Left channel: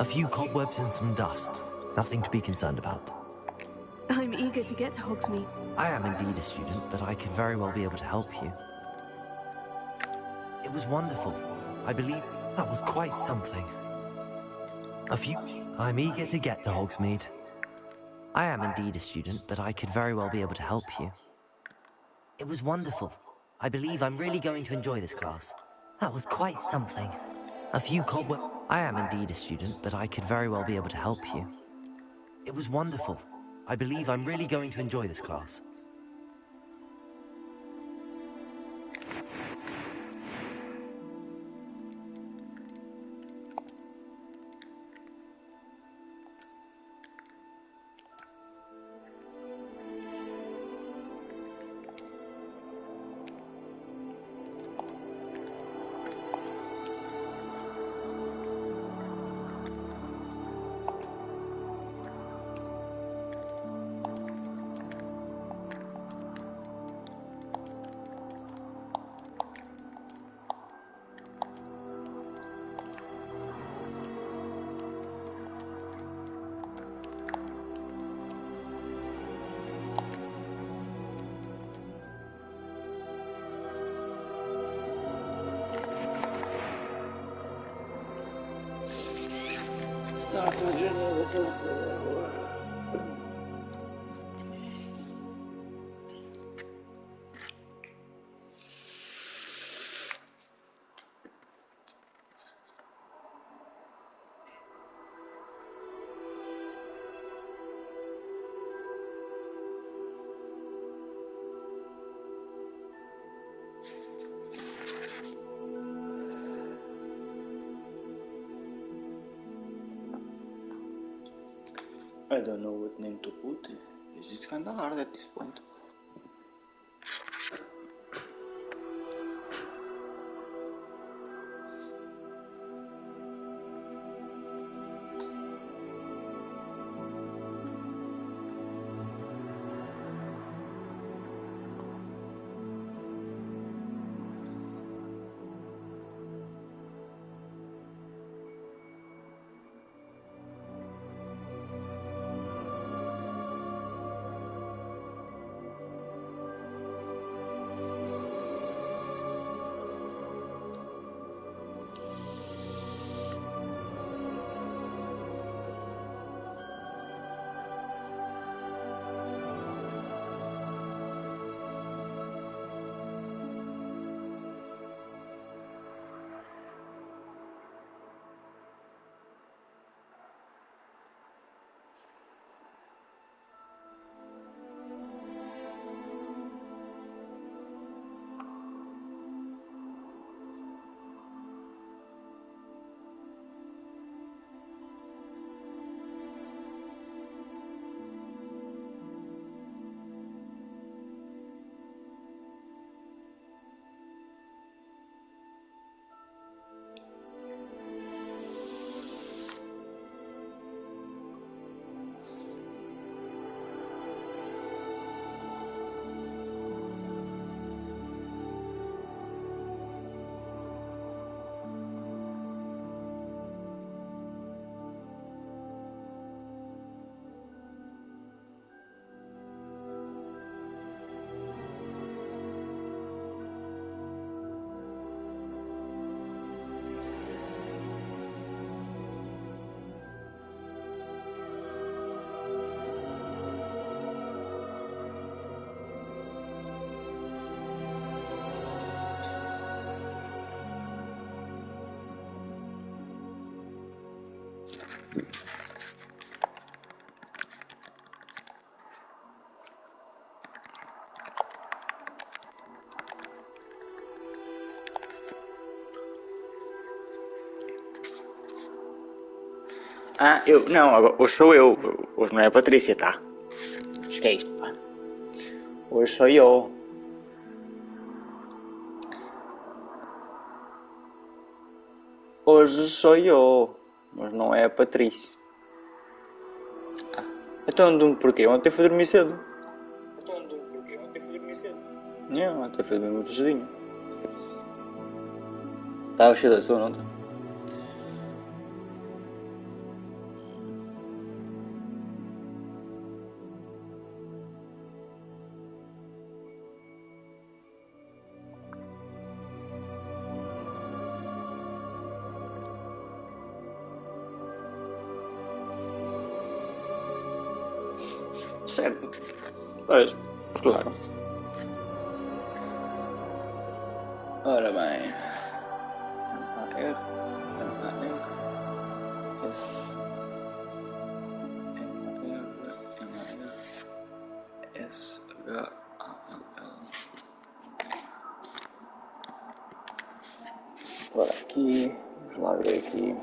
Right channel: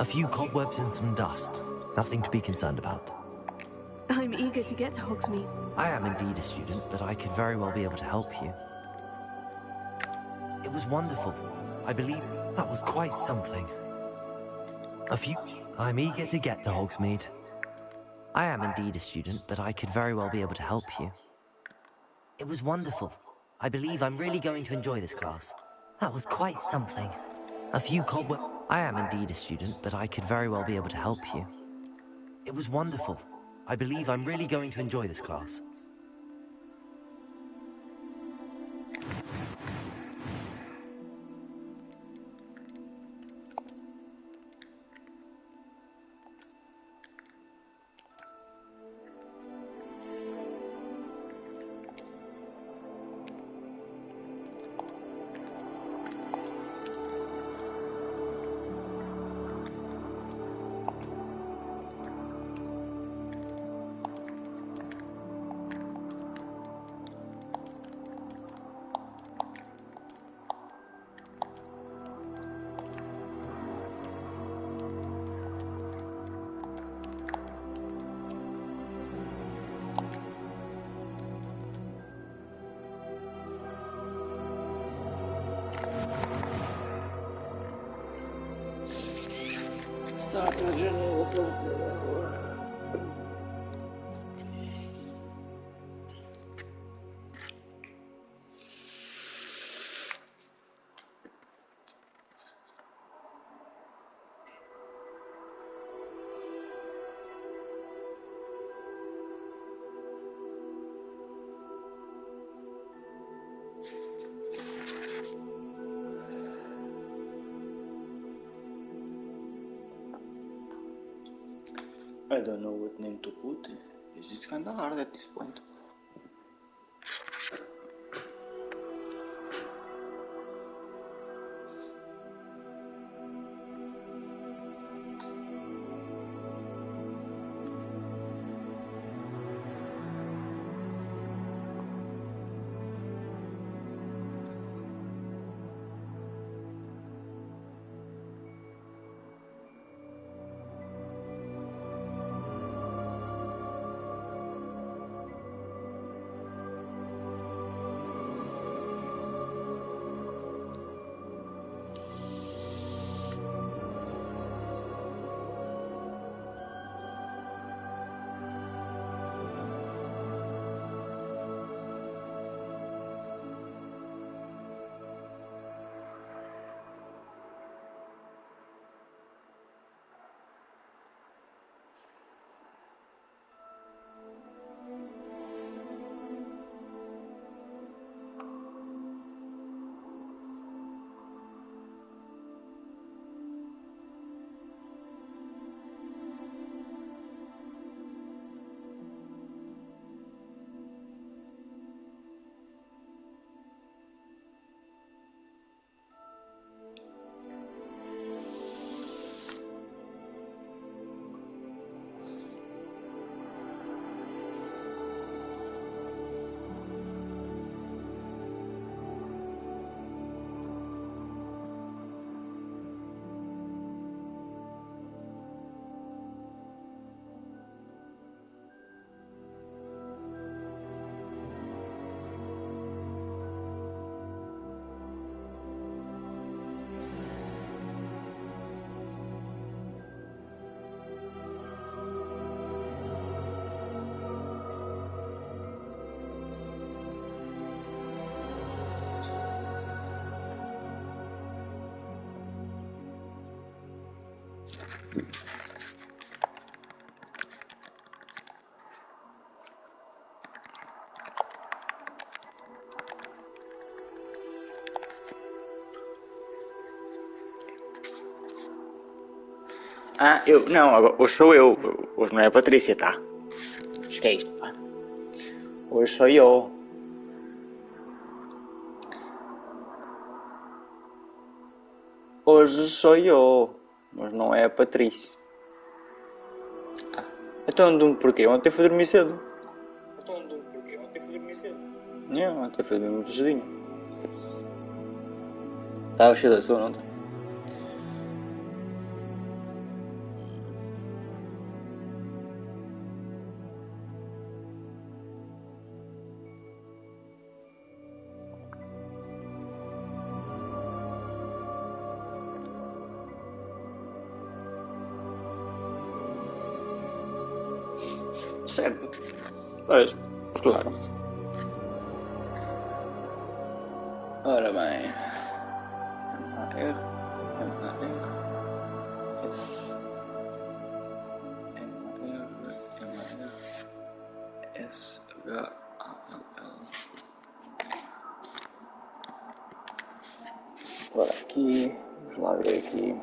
A few cobwebs and some dust. Nothing to be concerned about. I'm eager to get to Hogsmeade. I am indeed a student, but I could very well be able to help you. It was wonderful. I believe that was quite something. I'm eager to get to Hogsmeade. I am indeed a student, but I could very well be able to help you. It was wonderful. I believe I'm really going to enjoy this class. That was quite something. A few cobwebs. I am indeed a student, but I could very well be able to help you. It was wonderful. I believe I'm really going to enjoy this class. Start a janela. I don't know what name to put. It's kind of hard at this point. Ah, eu. Não, agora, hoje sou eu. Hoje não é a Patrícia, tá? Acho que é isto, pá. Hoje sou eu. Hoje sou eu. Mas não é a Patrícia. Ah, então porquê? Ontem fui dormir cedo. Não, ontem fui dormir muito cedinho. Estava cheio de sono ontem. Certo. Pois, claro. Ora bem. M-A-R, M-A-R, S, M-A-R, M-A-R, S-H-A-L-L. Agora aqui, vamos lá ver aqui.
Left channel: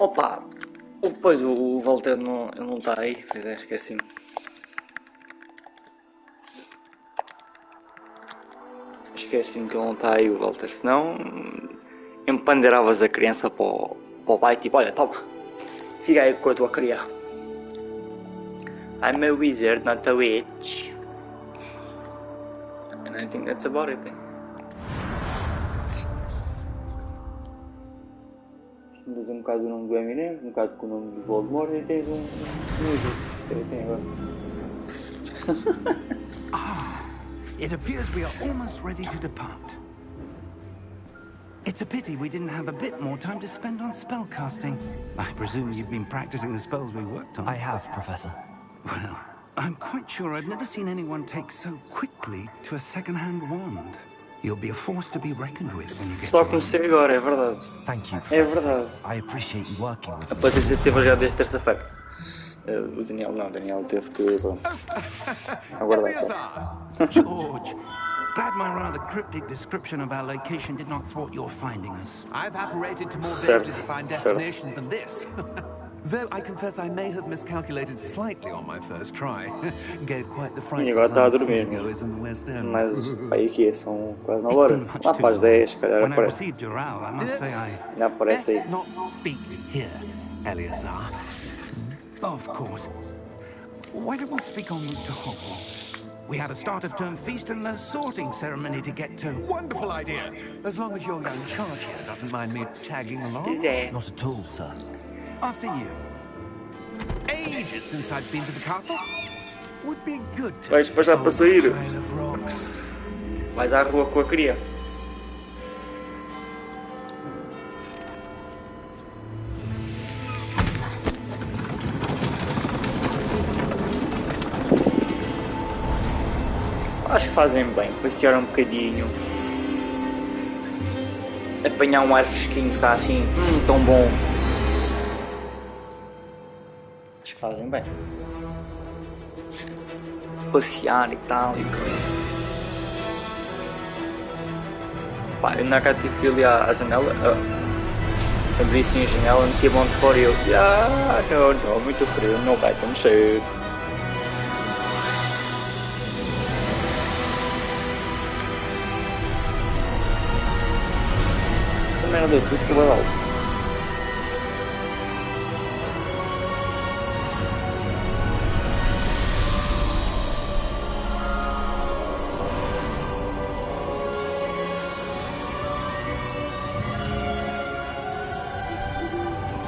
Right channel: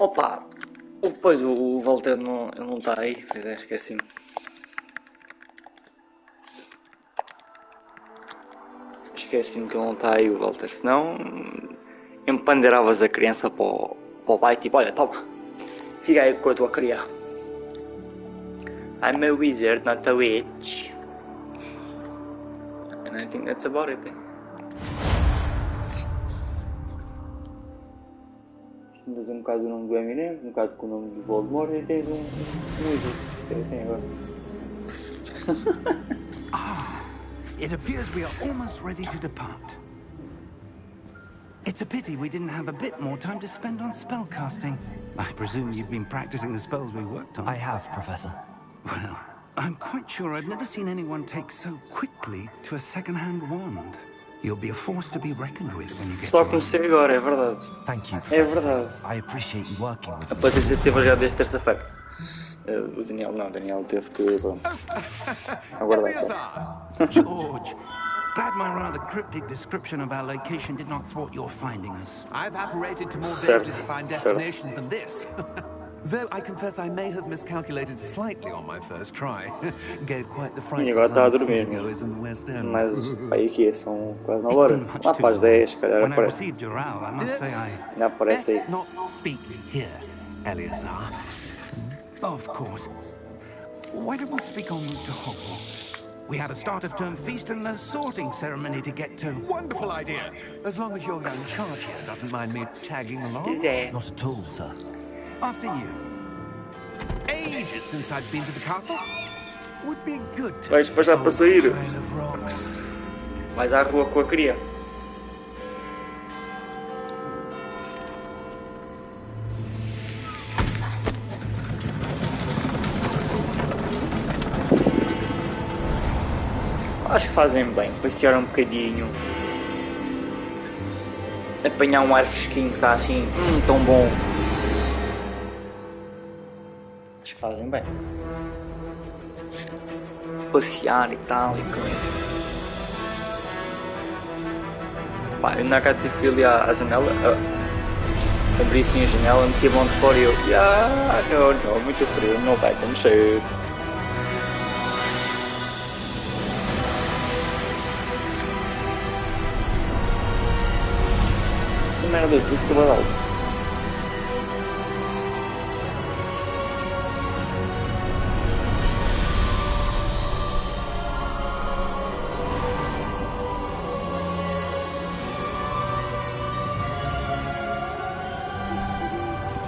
Opa, depois o Walter não está aí, pois é, esqueci-me. Esqueci-me que ele não está aí, o Walter, senão empanderavas a criança para o pai, tipo, olha, toma, fica aí com a tua cria. I'm a wizard, not a witch. And I think that's about it. Tens um bocado o nome do Eminem, um bocado com o nome do Voldemort e tens um músico. É assim agora. It appears we are almost ready to depart. It's a pity we didn't have a bit more time to spend on spellcasting. I presume you've been practicing the spells we worked on. I have, Professor. Well, I'm quite sure I've never seen anyone take so quickly to a second-hand wand. You'll be a force to be reckoned with when you get Só to comecei agora, é verdade. Thank you, É Professor. verdade. I appreciate you working with A me. Patrícia teve já desde terça-feira. O Daniel não, o Daniel teve que, pronto, aguardar só. George, glad my rather cryptic description of our location did not thwart your finding us. I've apparated to more Certo, vaguely defined certo. destinations than this. Though I confess I may have miscalculated slightly on my first try. Gave quite the fright E to agora está a some dormir, goers in the West End. mas aí que são quase 9 It's horas. been much Lá too para as long. 10, se calhar When I aparece. received your owl, I must say I... Ainda aparece aí. Best not speak here, Eleazar. Of course. Why don't we speak en route to Hogwarts? We have a start-of-term feast and a sorting ceremony to get to. Wonderful idea. As long as your young charge here doesn't mind me tagging along. Pois é. Not at all, sir. After you. Ages since I've been to the castle. Would be good to Vais see para já a para sair. pile of rocks. Vais à rua com a cria. Acho que fazem bem, passear um bocadinho, apanhar um ar fresquinho que está assim, tão bom. Acho que fazem bem. Passear e tal e coisa. Pá, eu na cara tive que ir ali à janela, abri assim a janela, meti a mão de fora e eu, não, muito frio, não vai acontecer. Merda disso que vai dar.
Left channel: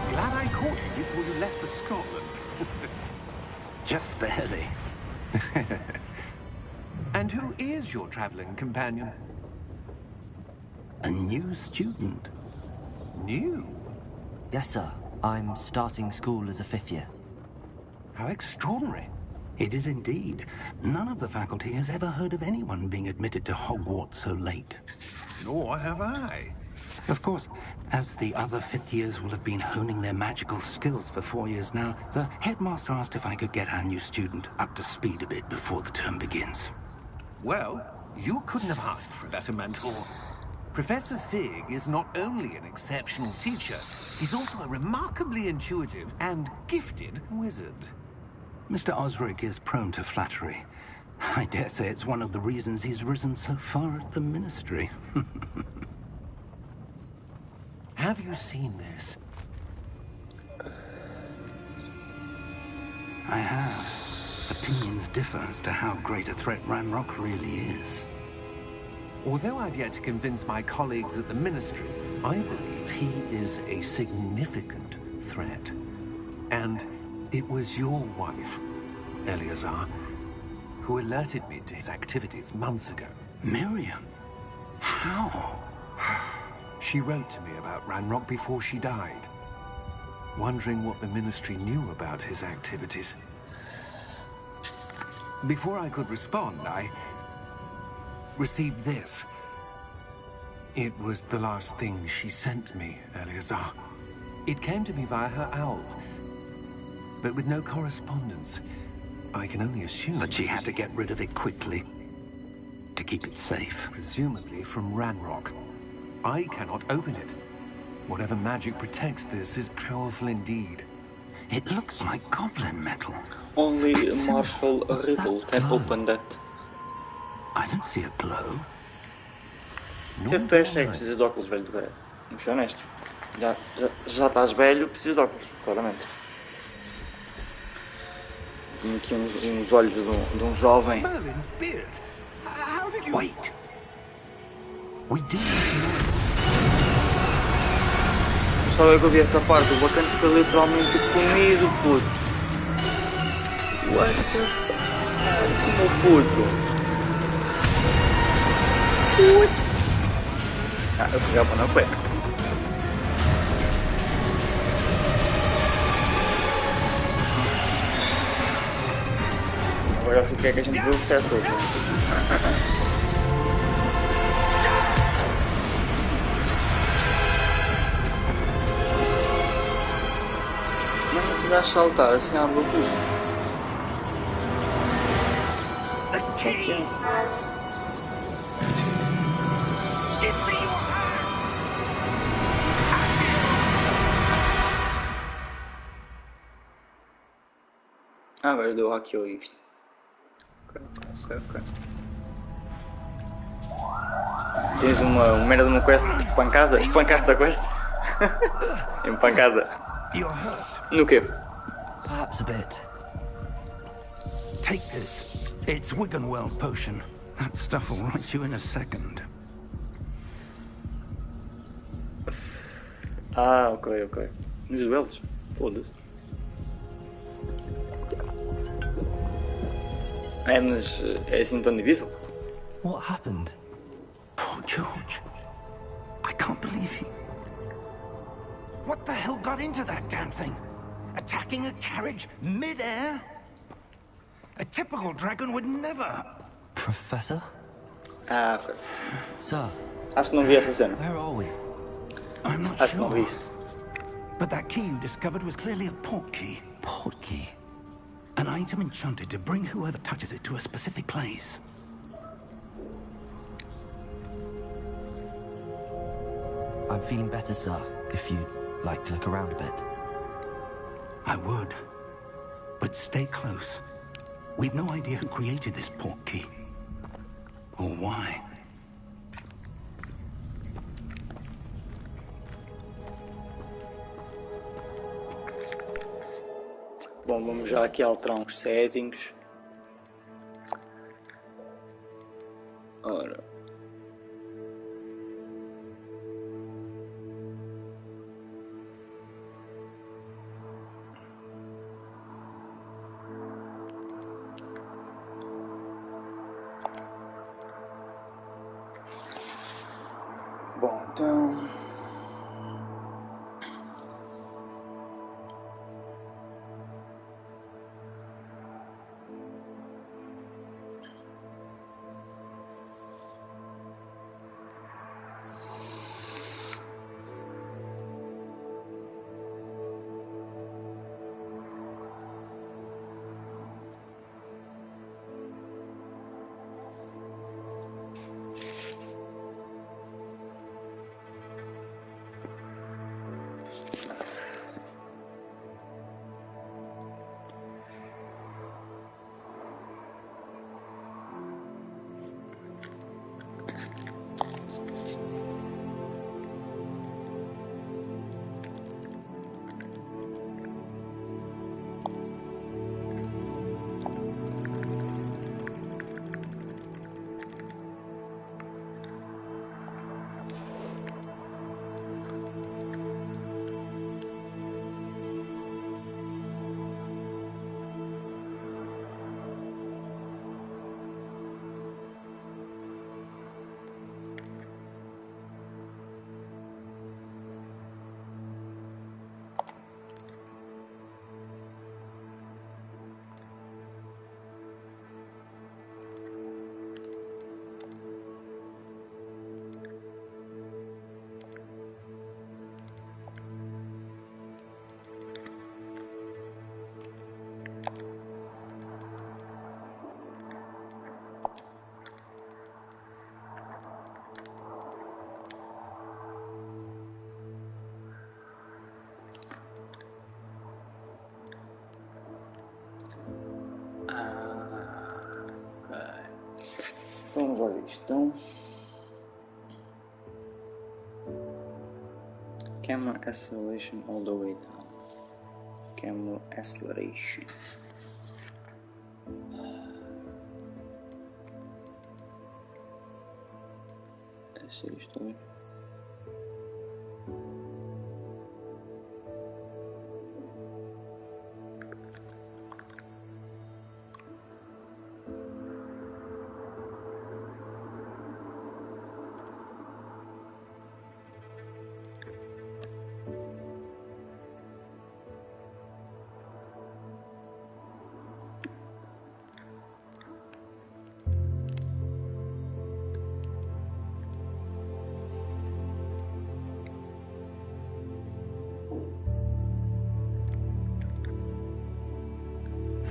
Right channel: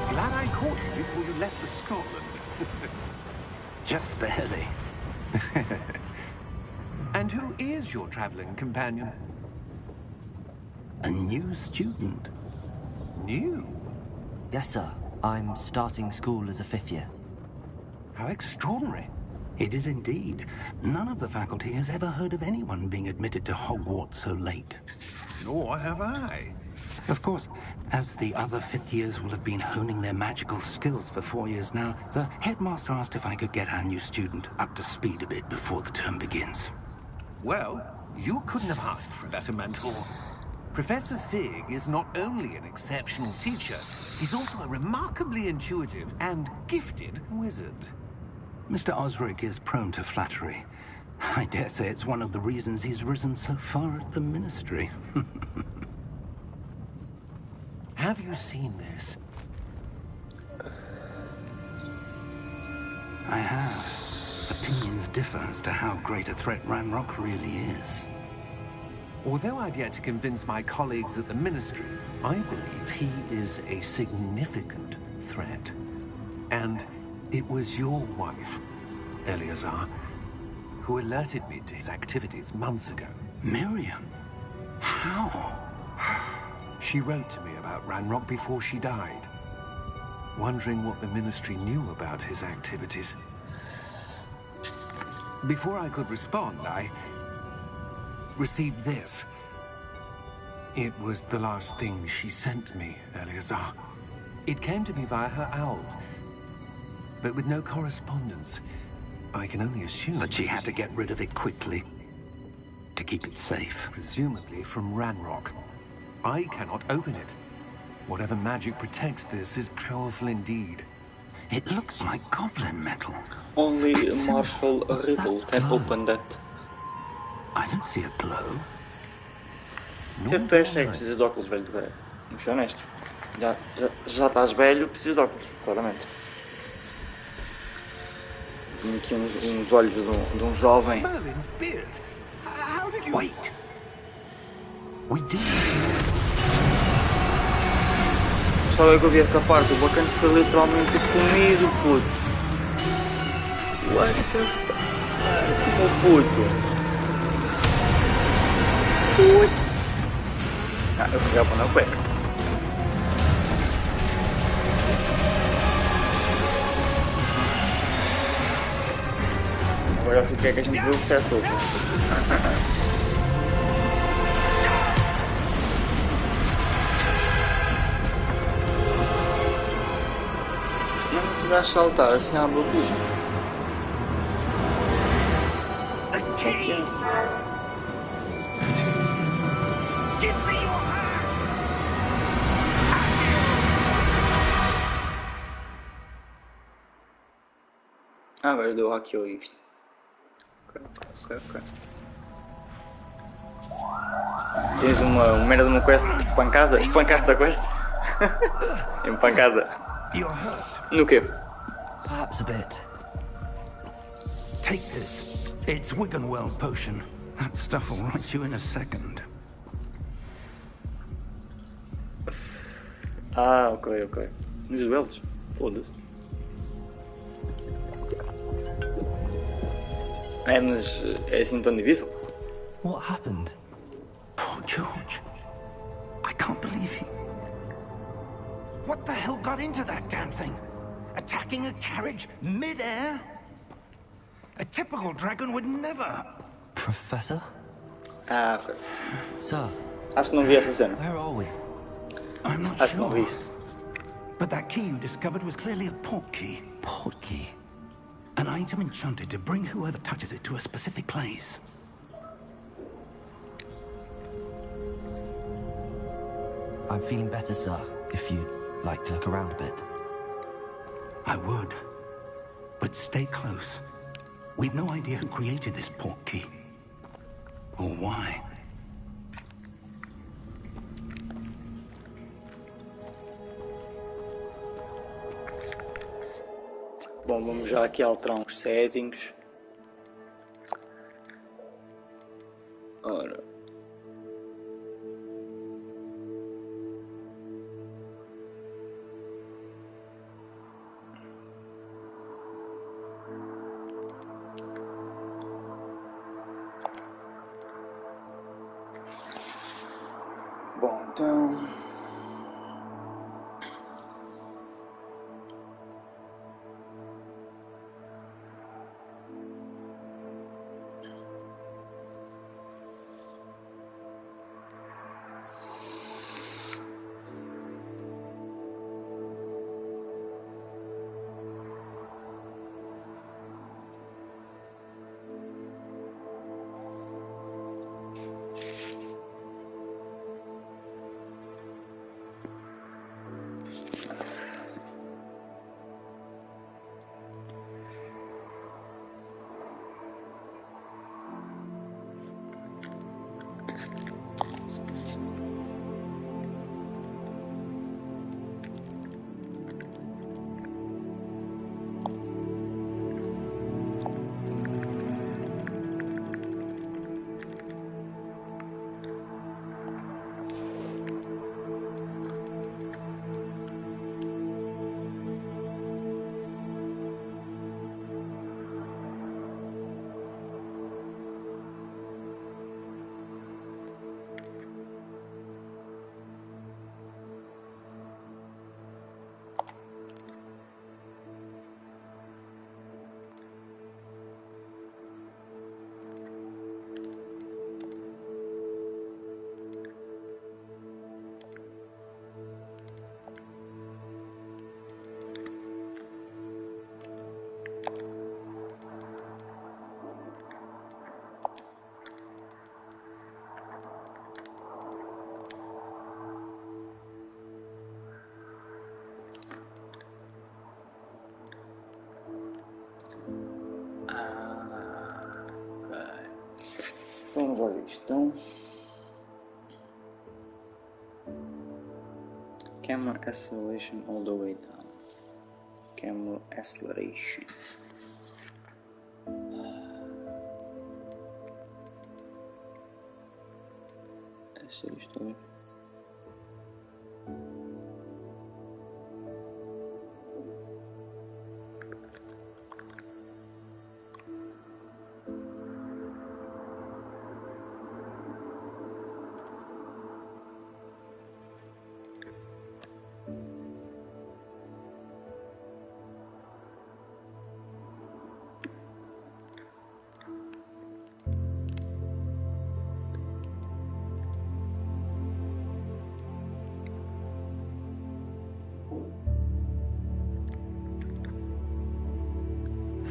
Glad I caught you before you left for Scotland. Just barely. And who is your travelling companion? A new student. New? Yes, sir. I'm starting school as a 5th year. How extraordinary. It is indeed. None of the faculty has ever heard of anyone being admitted to Hogwarts so late. Nor have I. Of course, as the other 5th years will have been honing their magical skills for 4 years now, the headmaster asked if I could get our new student up to speed a bit before the term begins. Well, you couldn't have asked for a better mentor. Professor Fig is not only an exceptional teacher, he's also a remarkably intuitive and gifted wizard. Mr. Osric is prone to flattery. I dare say it's one of the reasons he's risen so far at the Ministry. Have you seen this? I have. Opinions differ as to how great a threat Ranrock really is. Although I've yet to convince my colleagues at the Ministry, I believe he is a significant threat. And it was your wife, Eleazar, who alerted me to his activities months ago. Miriam? How? She wrote to me about Ranrock before she died, wondering what the Ministry knew about his activities. Before I could respond, I received this. It was the last thing she sent me, Eleazar. It came to me via her owl, but with no correspondence. I can only assume That she had to get rid of it quickly to keep it safe. presumably from Ranrock. I cannot open it. Whatever magic protects this is powerful indeed. It looks like goblin metal. Only Marshall What's Ripple that can glow? open that. I don't see a glow. Se tu és cego, precisas de óculos, velho do caralho. Vamos ser honestos. Já estás velho, precisas de óculos, claramente. Tenho aqui uns olhos de um jovem. Merlin's beard. How did you... Wait! We did. Só eu que ouvi esta parte, o bacana foi literalmente comido, puto. What the fuck? Como puto? Ui. Ah, eu pegava na cueca. Agora eu sei o que é que a gente viu o Teslas, né? Mas se vai saltar assim à boca. The key! Give me your hand! Ah, agora deu hackeou isto. Ok. Tens uma merda de uma quest espancada? Espancaste a quest? Empancada. You're hurt. No quê? Perhaps a bit. Take this. It's Wiggenweld potion. That stuff will right you in a second. Ah, ok. Nos duelos? Foda-se. É, mas é assim tão difícil? What happened? Poor George. I can't believe he... What the hell got into that damn thing? Attacking a carriage mid-air? A typical dragon would never... Professor? Ah, foi. Sir, Acho que não vi essa cena. where are we? I'm not Acho que não vi sure. isso. But that key you discovered was clearly a portkey. Portkey? An item enchanted to bring whoever touches it to a specific place. I'm feeling better, sir, if you'd like to look around a bit. I would. But stay close. We've no idea who created this portkey. Or why. Bom, vamos já aqui alterar uns settings. Ora. Bom, então... Então vamos lá ver isto. Então, camera acceleration all the way down. Camera acceleration. É sério isto, né?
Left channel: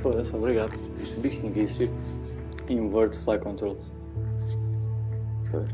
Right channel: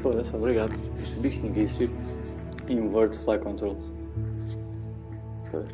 Foda-se, obrigado. Percebi que ninguém existe. Invert fly controls. Okay.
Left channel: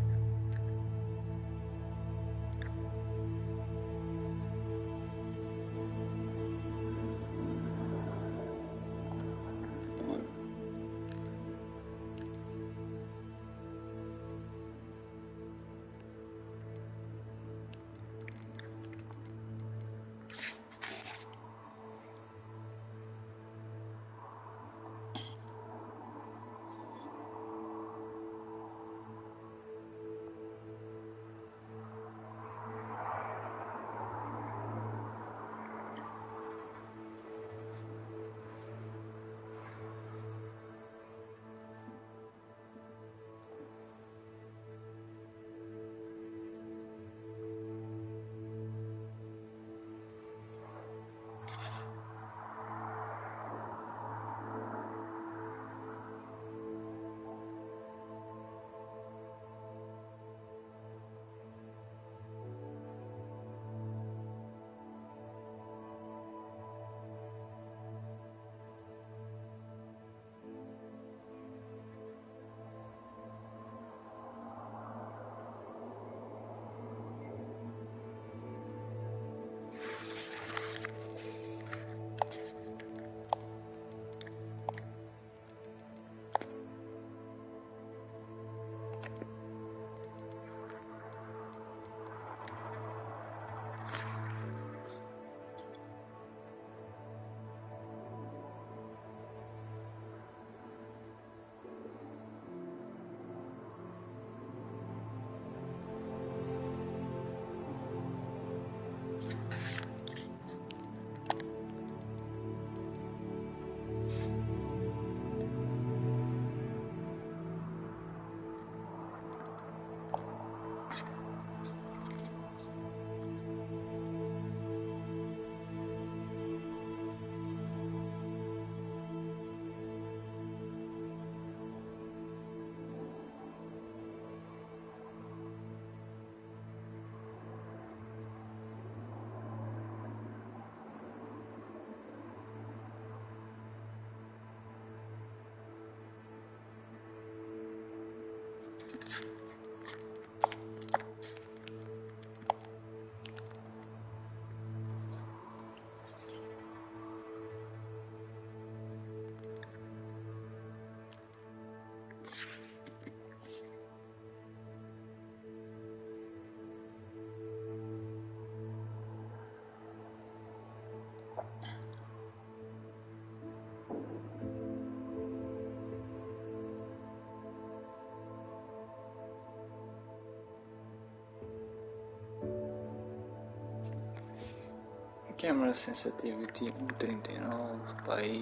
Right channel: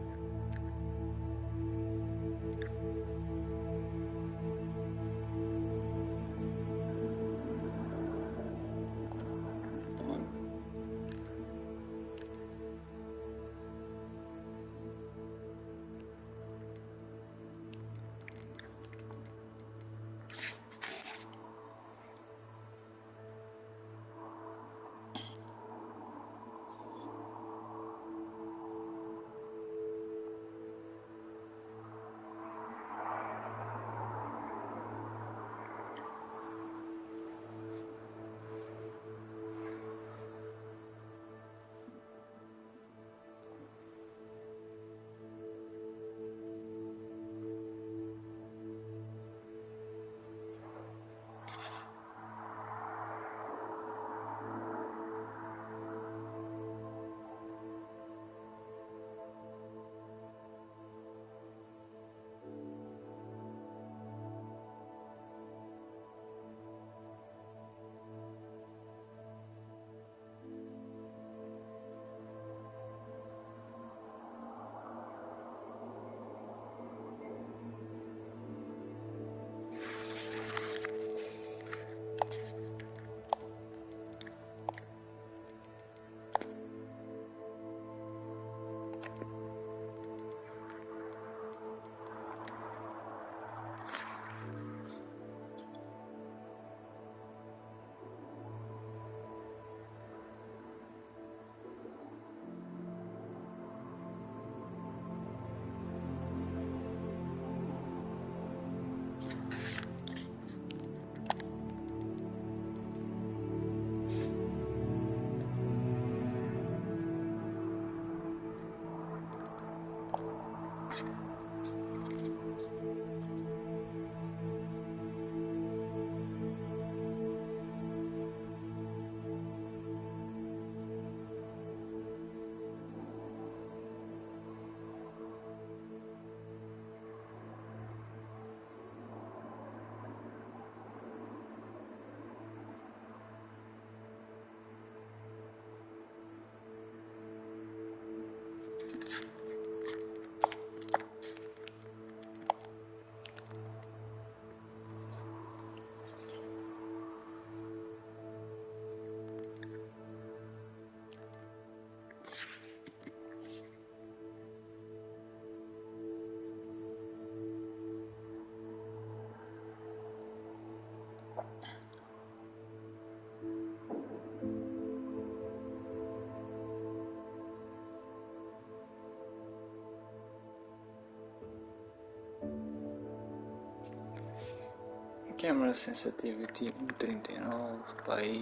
Camera sensitivity 139 by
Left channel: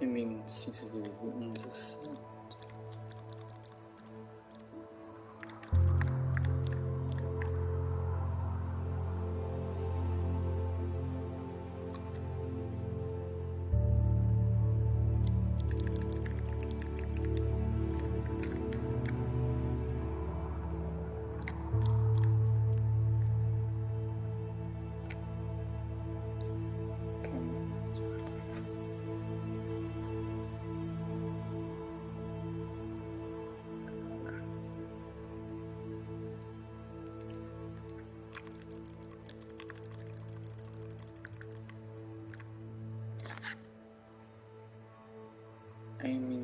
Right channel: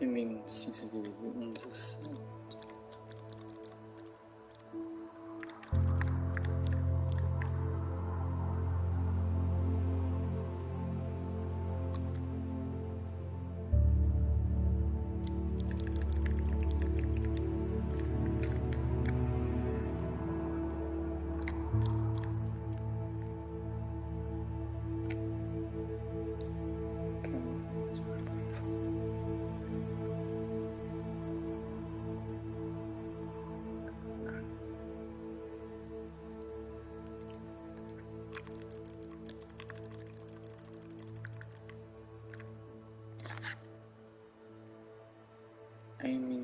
imaging sensitivity 117.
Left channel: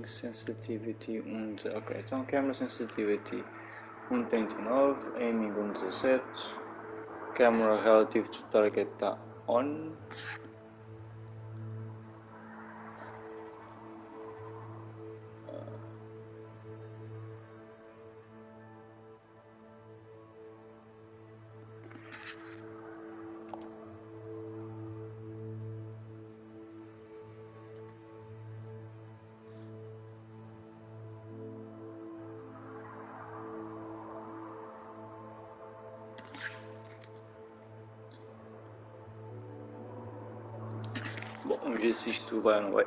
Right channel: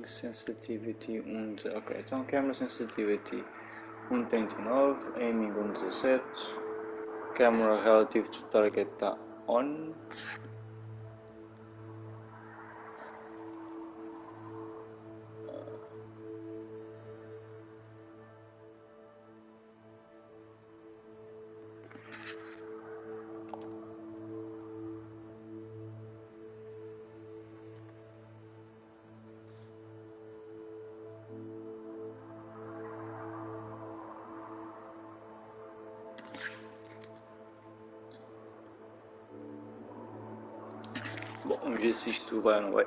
Aiming sensitivity 1. Ok, então camera sensitivity 1.39, aiming 1.17, camera relative to target está on. Bom, vamos ver se isto vai ou não vai.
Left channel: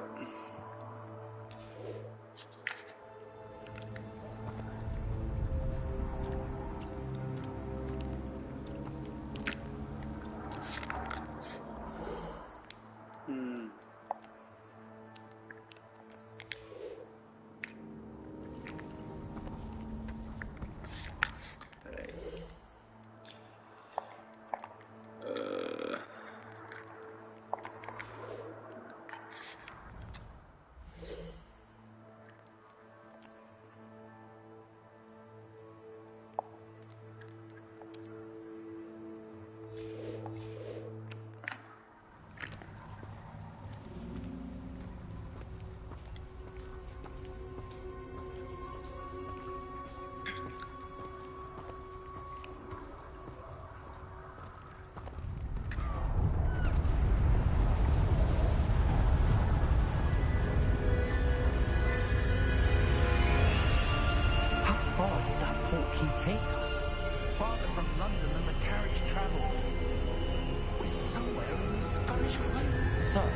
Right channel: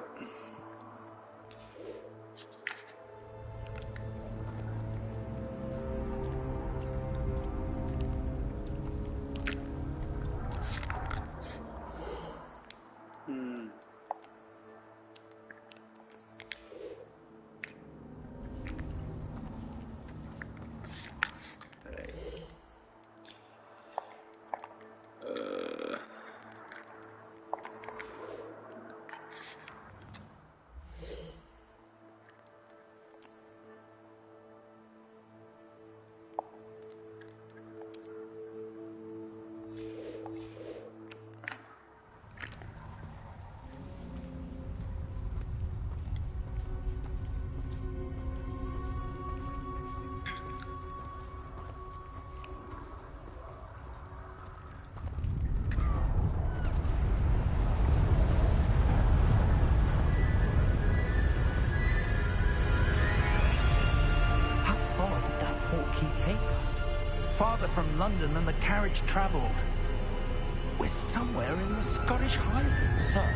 How far did that portkey take us? Farther from London than the carriage travelled. We're somewhere in the Scottish Highlands. Sir,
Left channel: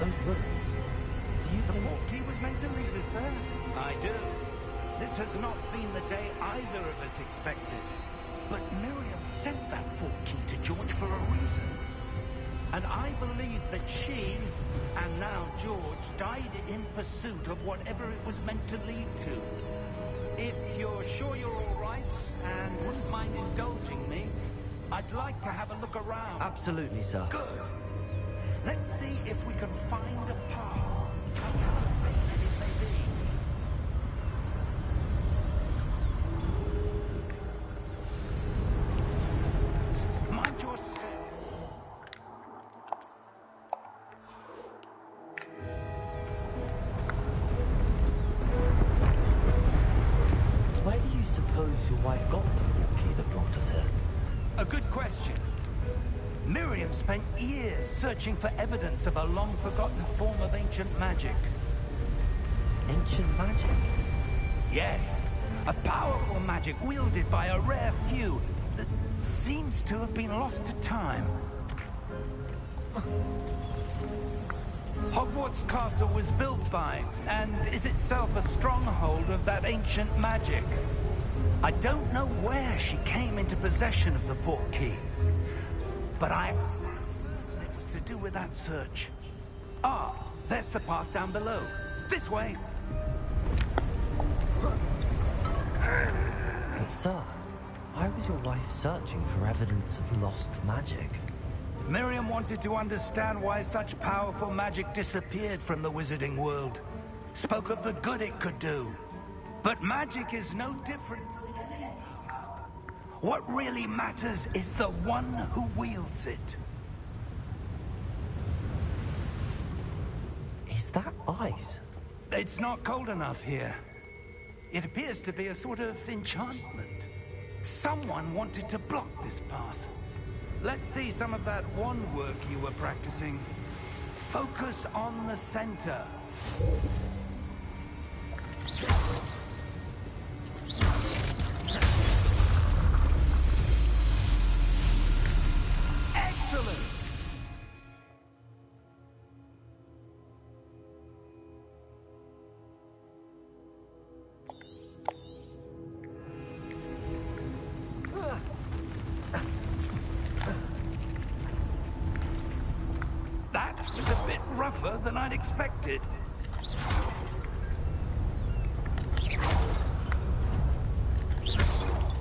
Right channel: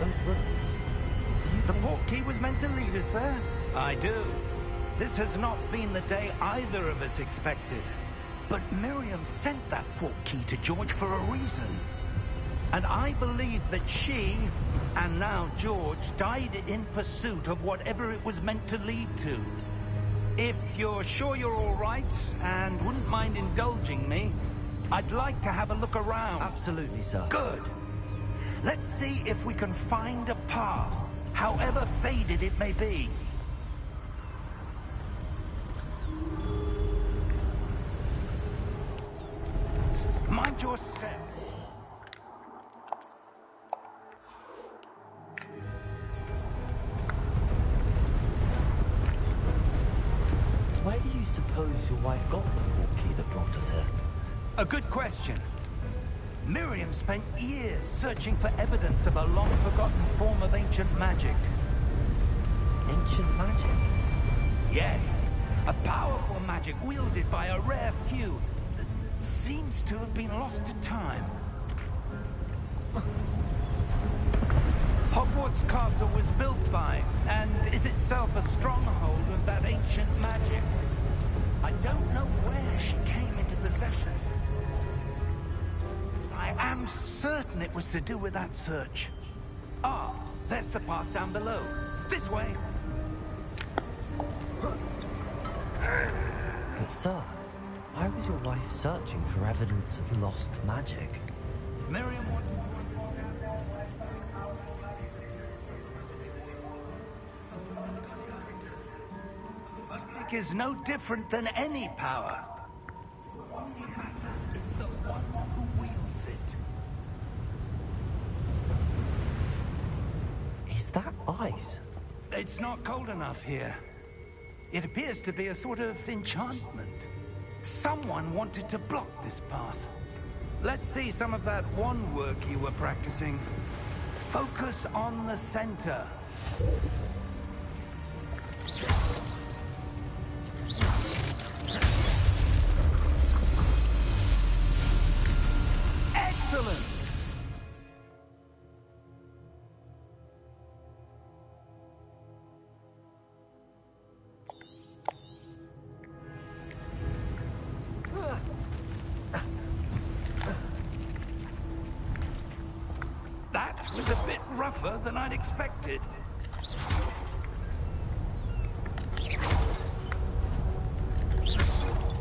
those ruins. Do you The think... portkey was meant to lead us there? I do. This has not been the day either of us expected. But Miriam sent that portkey to George for a reason. And I believe that she, and now George, died in pursuit of whatever it was meant to lead to. If you're sure you're all right, and wouldn't mind indulging me, I'd like to have a look around. Absolutely, sir. Good. Let's see if we can find a path, however faded it may be. Mind your step. Where do you suppose your wife got the portkey that brought us here? A good question. Miriam spent years searching for evidence of a long-forgotten form of ancient magic. Ancient magic? Yes, a powerful magic wielded by a rare few that seems to have been lost to time. Hogwarts Castle was built by, and is itself a stronghold of that ancient magic. I don't know where she came into possession of the portkey, but I am certain it was to do with that search. Ah, there's the path down below. This way. But sir, why was your wife searching for evidence of lost magic? Miriam wanted to understand why such powerful magic disappeared from the wizarding world. Spoke of the good it could do. But magic is no different than any power. What really matters is the one who wields it. Is that ice? It's not cold enough here. It appears to be a sort of enchantment. Someone wanted to block this path. Let's see some of that wand work you were practicing. Focus on the center. Excellent! That was a bit rougher than I'd expected.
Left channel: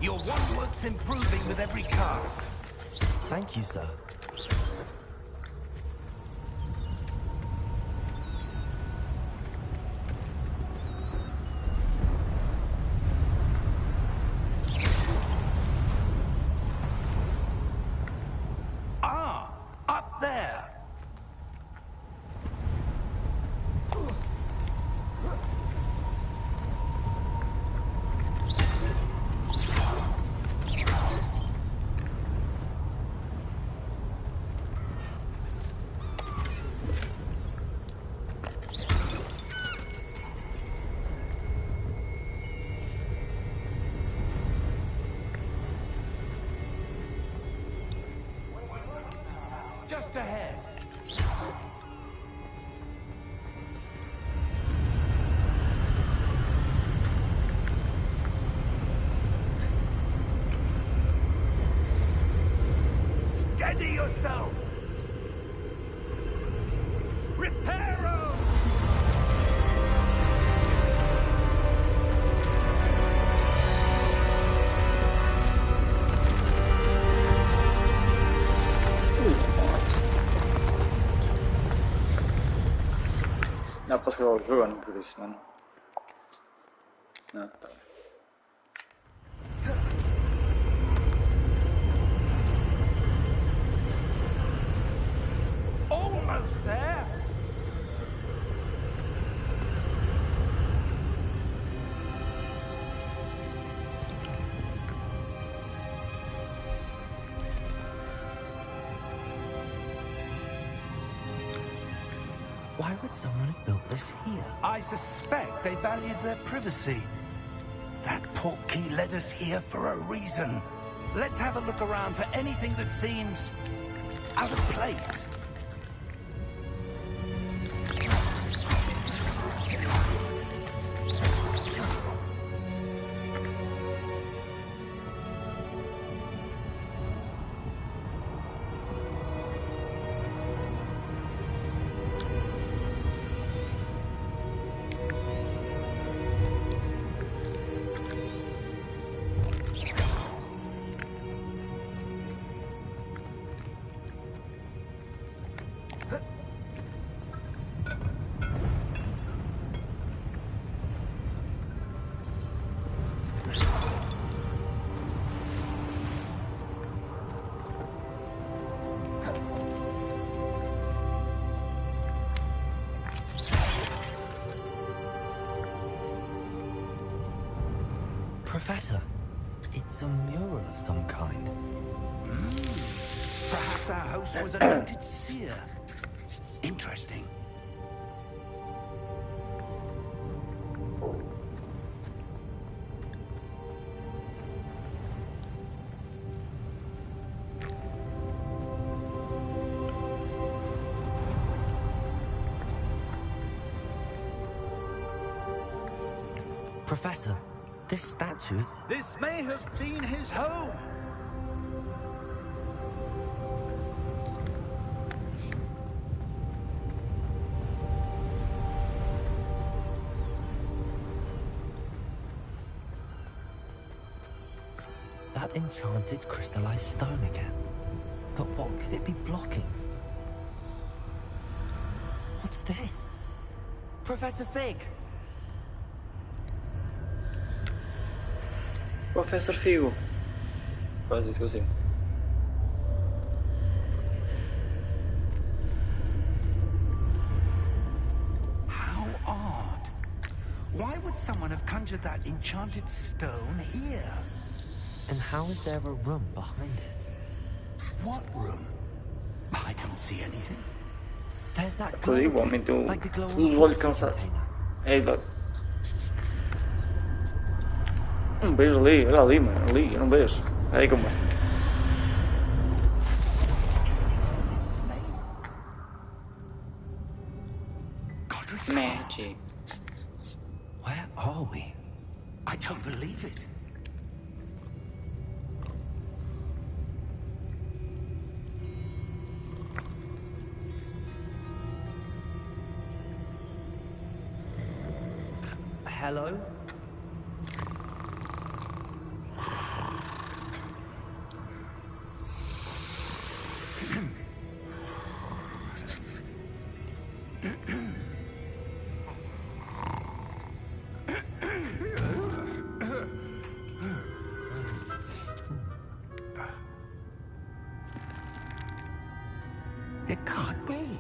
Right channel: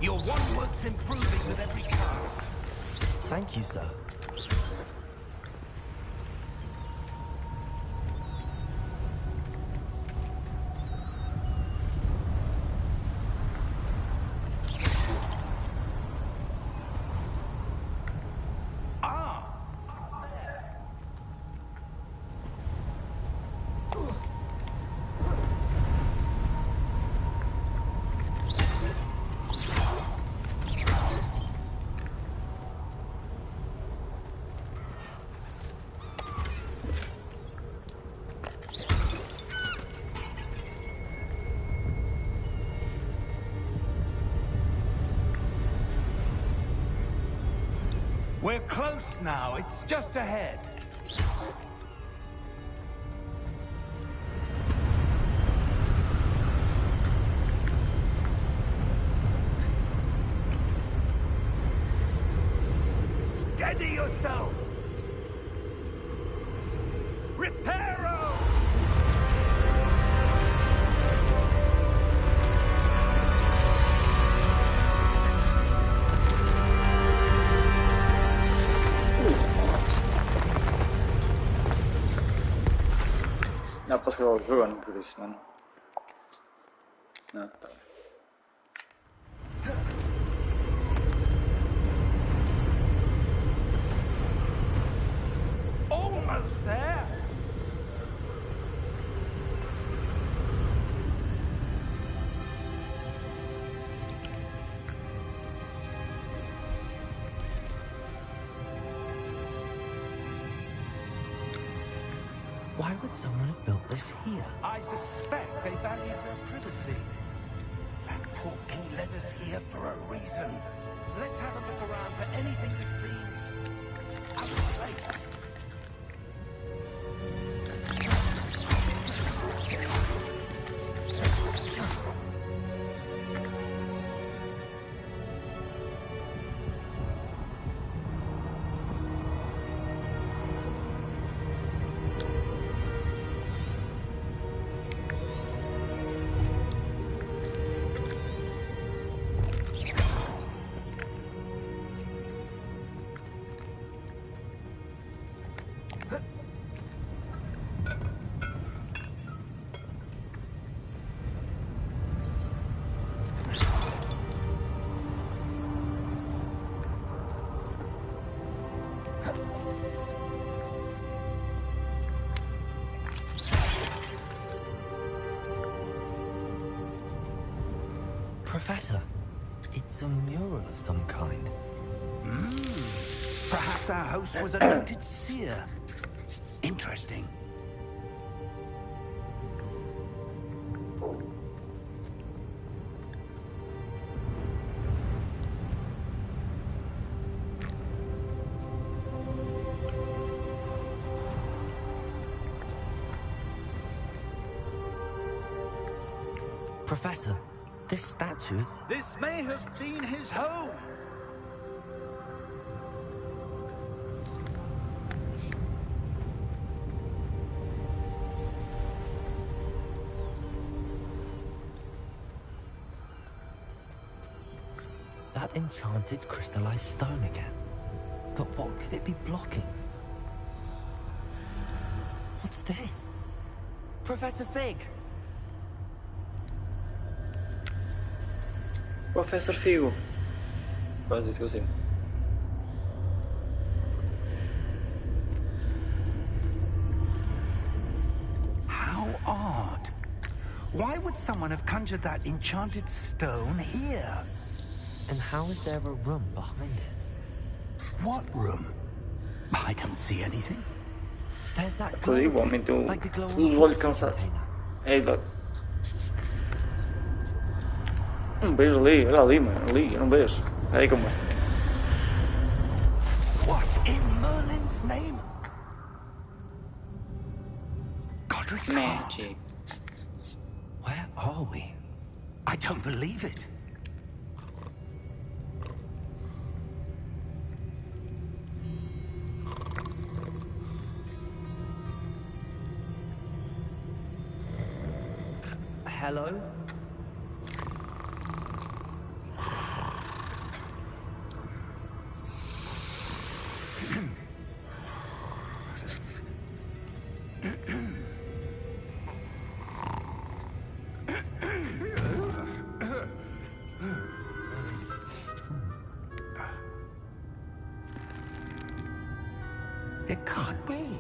Your wand work's improving with every cast. Thank you, sir. close now. It's just ahead. Steady yourself! Reparo! Napas que eu jogando por isso, mano. Não, tá. Almost there. Why would someone have built this here? I suspect they valued their privacy. That portkey led us here for a reason. Let's have a look around for anything that seems out of place. Professor, it's a mural of some kind. Perhaps our host was a noted seer. Interesting. Professor, this statue... This may have been his home. That enchanted crystallized stone again. But what could it be blocking? What's this? Professor Fig! Professor Figo. Quase esqueci. How odd. Why would someone have conjured that enchanted stone here? And how is there a room behind it? What room? I don't see anything. There's that Così glow, ugualmente like the glow on non the voglio coffee cansare. container. Um beijo ali, olha ali, mano, ali, eu não vejo. Aí como assim? What in Merlin's name? Godric's heart. Magic. Where are we? I don't believe it. Hello? It can't be.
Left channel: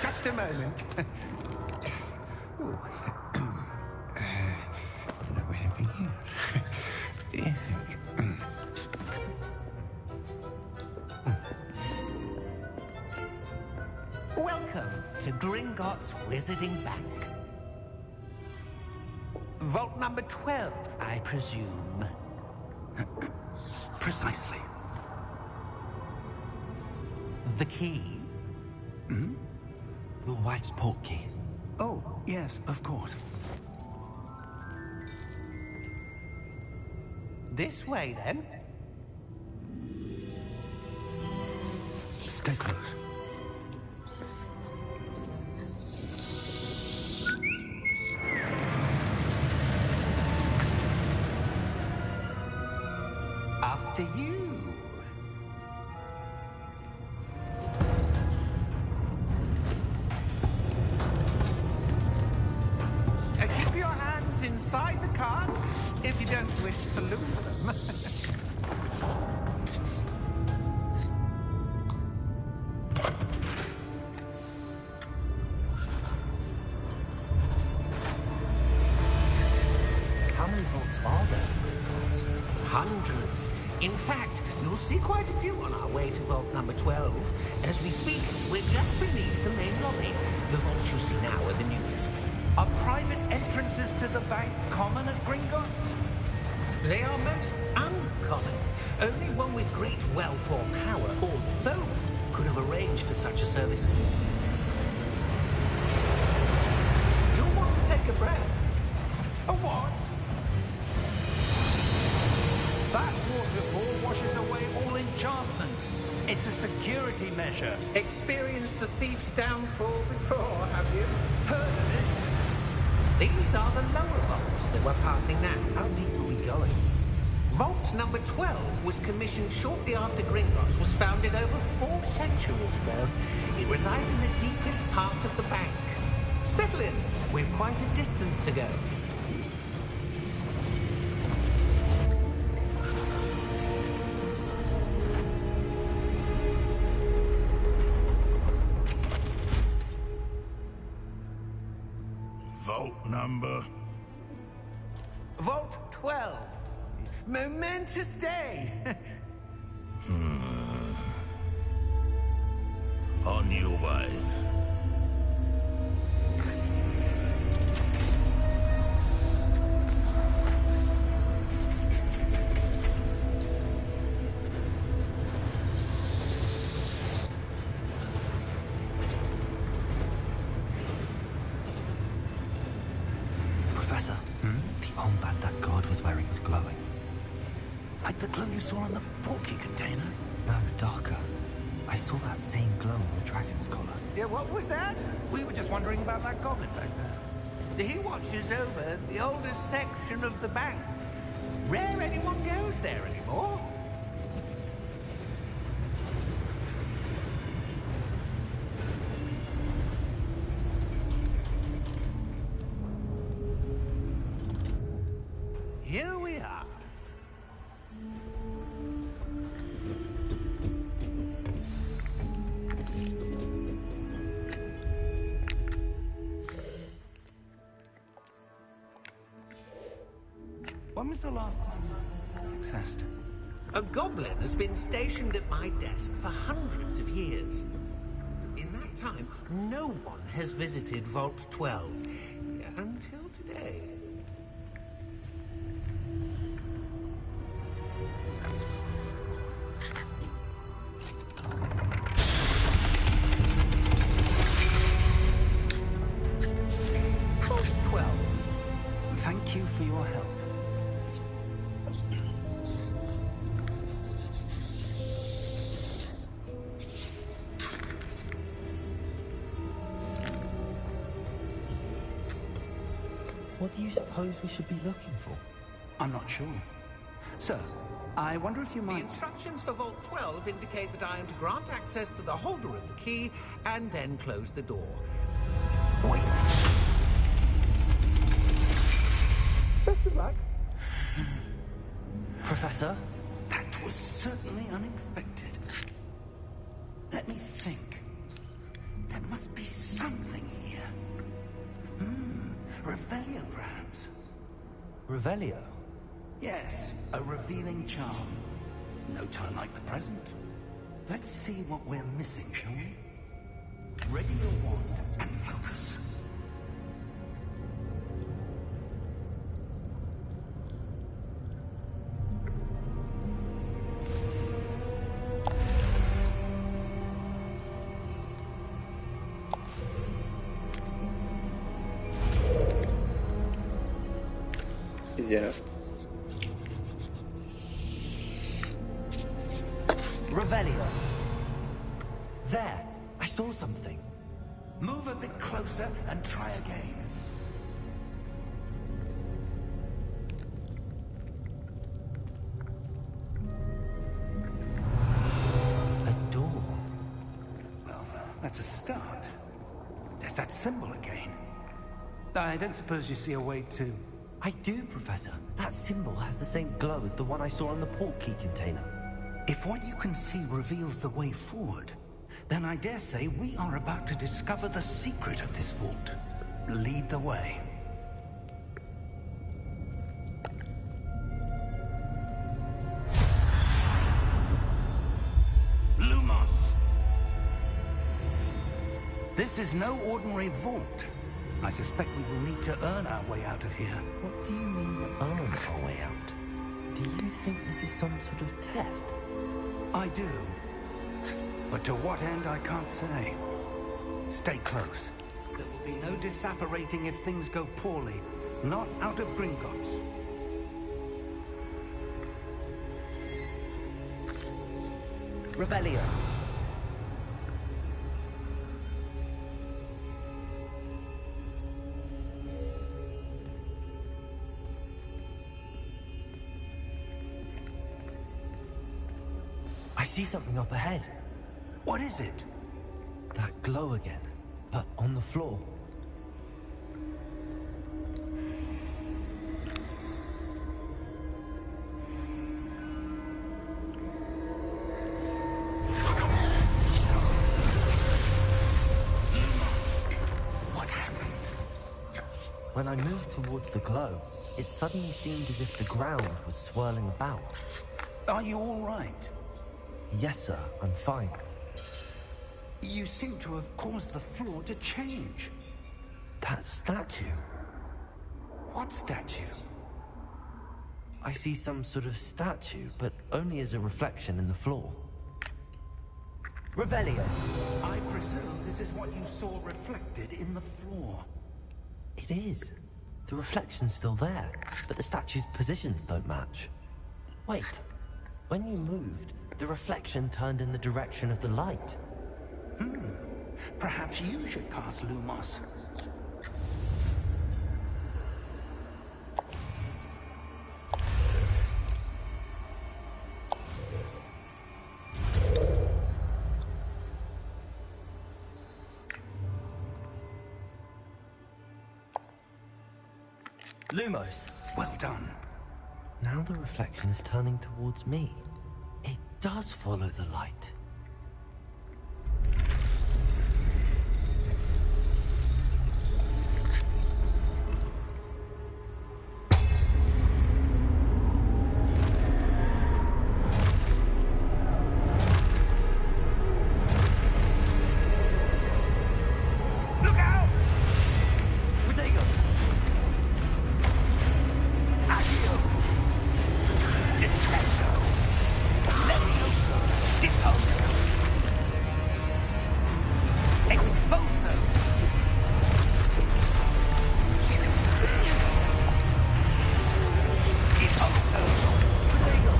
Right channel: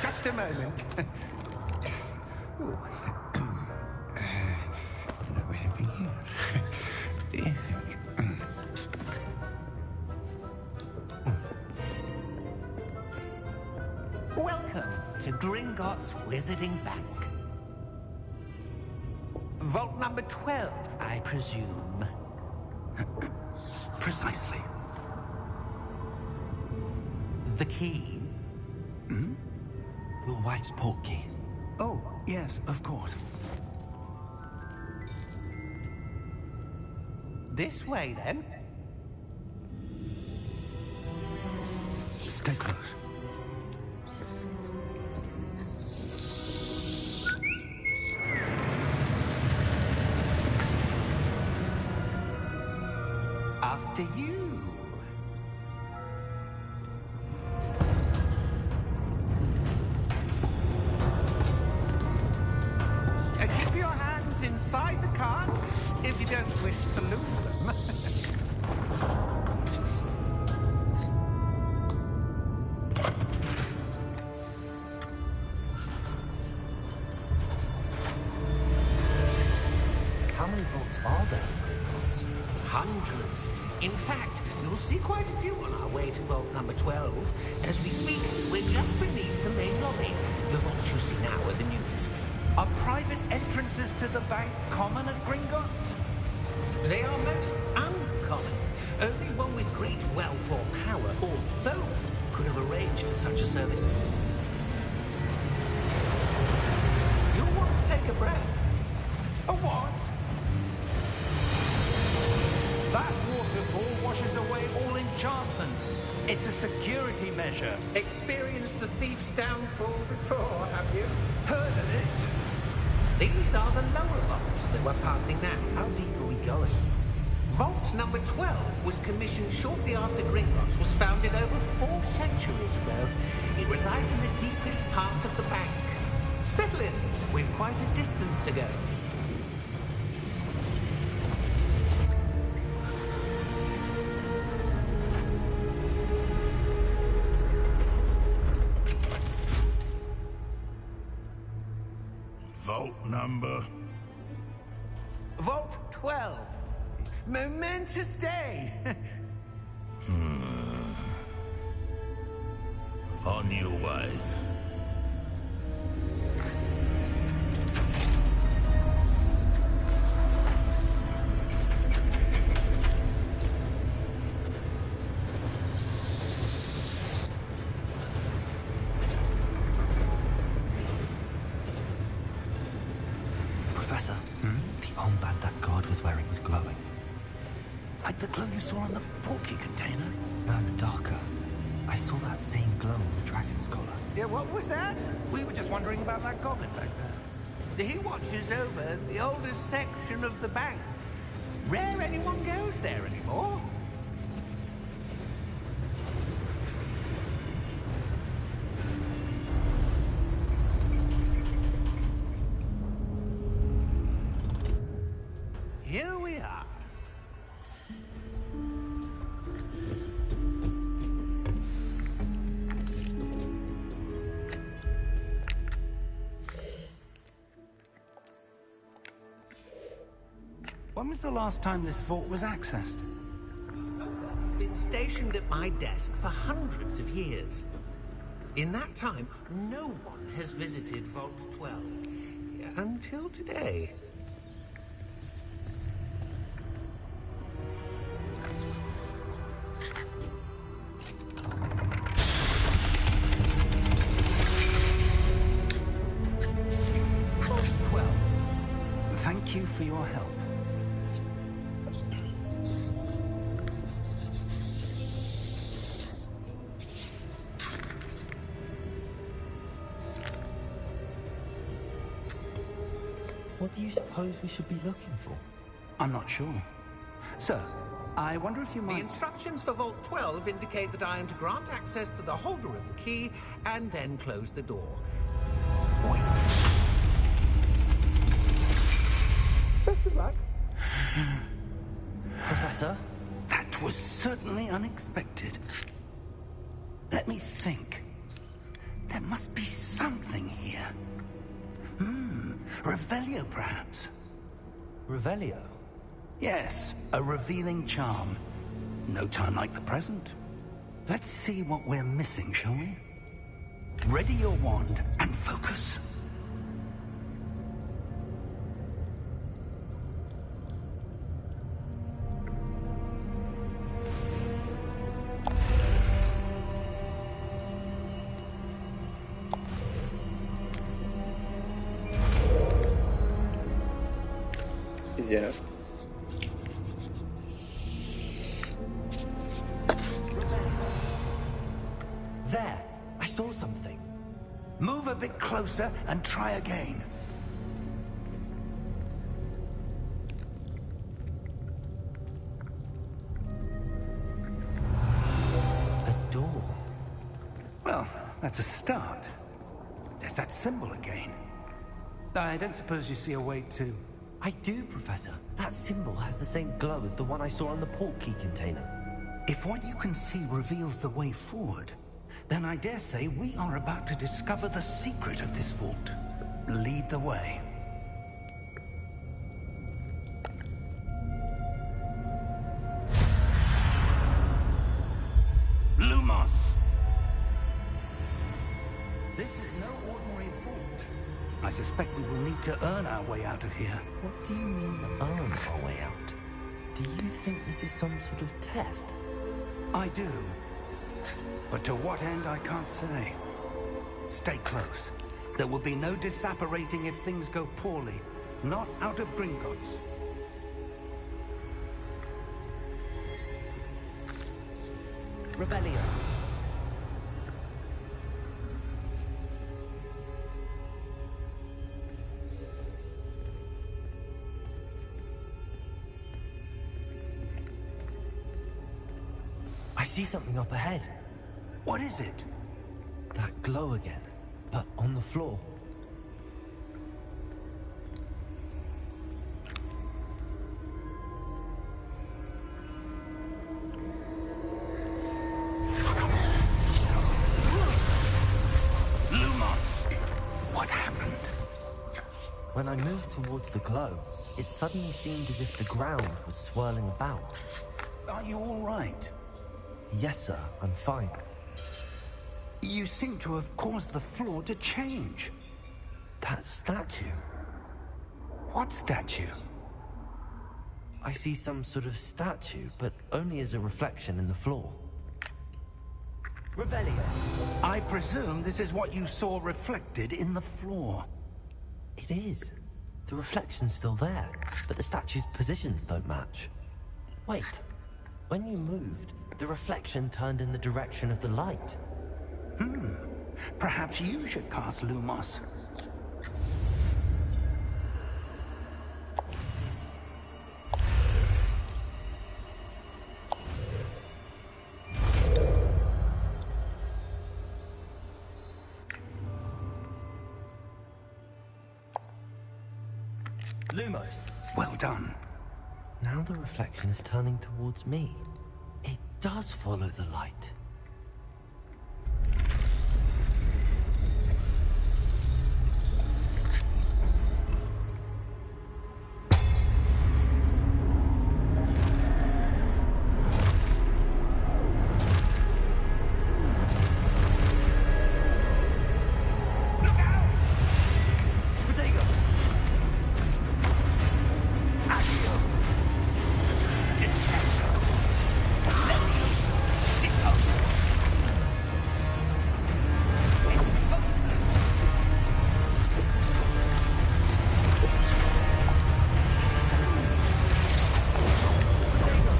Just a moment. Ooh. Where are we here? Welcome to Gringotts Wizarding Bank. Vault number 12, I presume. Precisely. The key? Hmm? Your wife's portkey. Oh, yes, of course. This way, then. Stay close. After you. Keep your hands inside the cart if you don't wish to lose them. How many vaults are there in Gringotts? Hundreds. In fact, you'll see quite a few on our way to vault number 12. As we speak, we're just beneath the main lobby. The vaults you see now are the newest. Are private entrances to the bank common at Gringotts? They are most uncommon. Only one with great wealth or power, or both, could have arranged for such a service. You'll want to take a breath. A what? That waterfall washes away all enchantments. It's a security measure. Experienced the thief's downfall before, have you? Heard of it? These are the lower vaults that we're passing now. How deep are we going? Vault number 12 was commissioned shortly after Gringotts was founded over 4 centuries ago. It resides in the deepest part of the bank. Settle in. We've quite a distance to go. Vault number? Vault 12. Momentous day. On your way. Professor, the armband that guard was wearing was glowing. Like the glow you saw on the portkey container? No, darker. I saw that same glow on the dragon's collar. Yeah, what was that? We were just wondering about that goblin back there. He watches over the oldest section of the bank. Rare anyone goes there anymore. Here we are. When was the last time this vault was accessed? A goblin has been stationed at my desk for hundreds of years. In that time, no one has visited Vault 12 until today. Vault 12. Thank you for your help. What do you suppose we should be looking for? I'm not sure. Sir, I wonder if you The might... instructions for Vault 12 indicate that I am to grant access to the holder of the key and then close the door. Wait. Best of luck. Professor? That was certainly unexpected. Let me think. There must be something here. Revelio, perhaps? Revelio? Yes, a revealing charm. No time like the present. Let's see what we're missing, shall we? Ready your wand and focus. Easy enough. Revelio. There, I saw something. Move a bit closer and try again. A door. Well, that's a start. There's that symbol again. I don't suppose you see a way to... I do, Professor. That symbol has the same glow as the one I saw on the port key container. If what you can see reveals the way forward, then I dare say we are about to discover the secret of this vault. Lead the way. Lumos! This is no ordinary vault. I suspect we will need to earn our way out of here. What do you mean, earn our way out? Do you think this is some sort of test? I do. But to what end, I can't say. Stay close. There will be no disapparating if things go poorly. Not out of Gringotts. Revelio. I see something up ahead. What is it? That glow again, but on the floor. What happened? When I moved towards the glow, it suddenly seemed as if the ground was swirling about. Are you all right? Yes, sir, I'm fine. You seem to have caused the floor to change. That statue. What statue? I see some sort of statue, but only as a reflection in the floor. Revelio, I presume this is what you saw reflected in the floor. It is. The reflection's still there, but the statue's positions don't match. Wait. When you moved, the reflection turned in the direction of the light. Perhaps you should cast Lumos. Lumos. Well done. Now the reflection is turning towards me. It does follow the light. Look out! Protego! Accio! Descendo! Levioso! Deposo! Exposo! Deposo! Protego!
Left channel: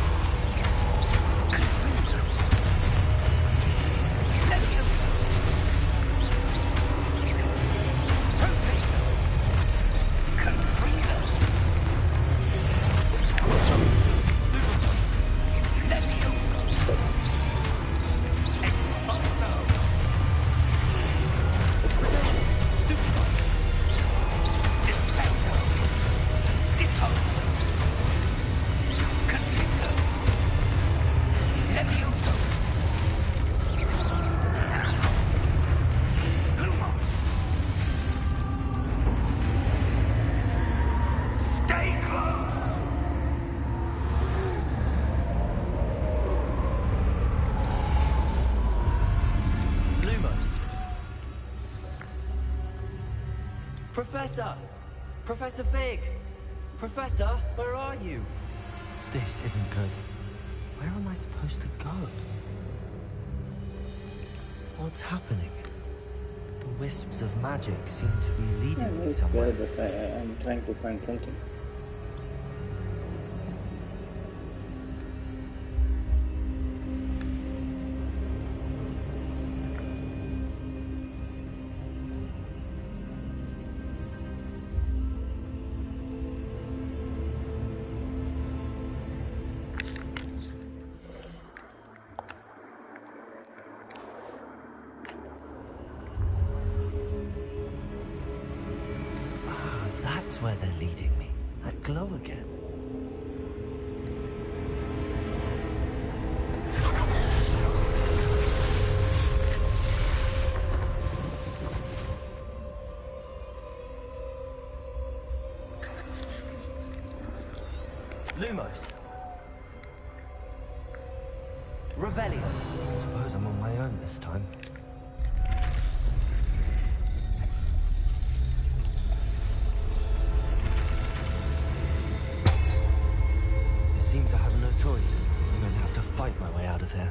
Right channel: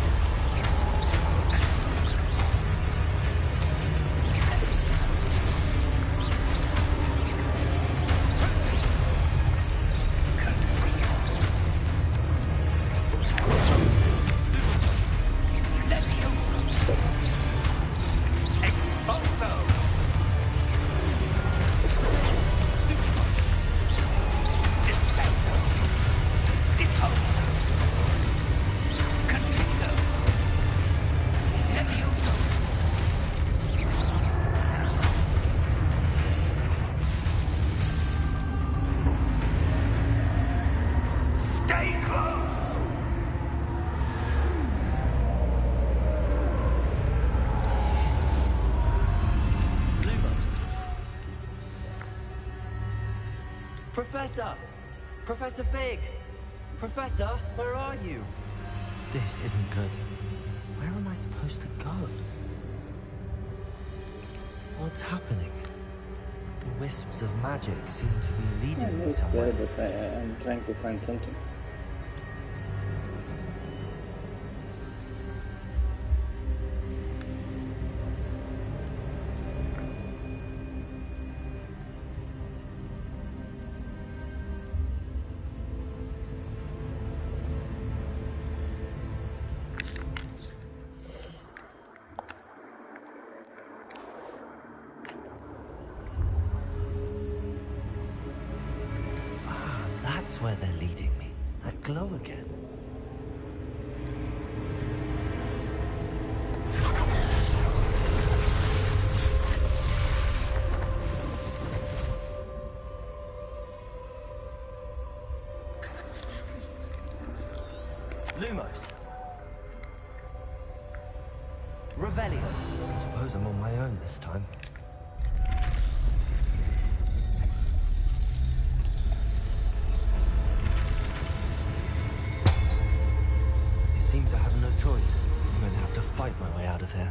Levioso! Confringo! Levioso! Exposo! Stupido! Descendo! Deposo! Confringo! Levioso! Lumos! Stay close! Lumos. Professor! Professor Fig! Professor, where are you? This isn't good. Where am I supposed to go? What's happening? The wisps of magic seem to be leading me It's there, somewhere. but I'm trying to find something. That's where they're leading me. That glow again. Lumos. Revelio. I suppose I'm on my own this time. It seems I have no choice. I'm going to have to fight my way out of here.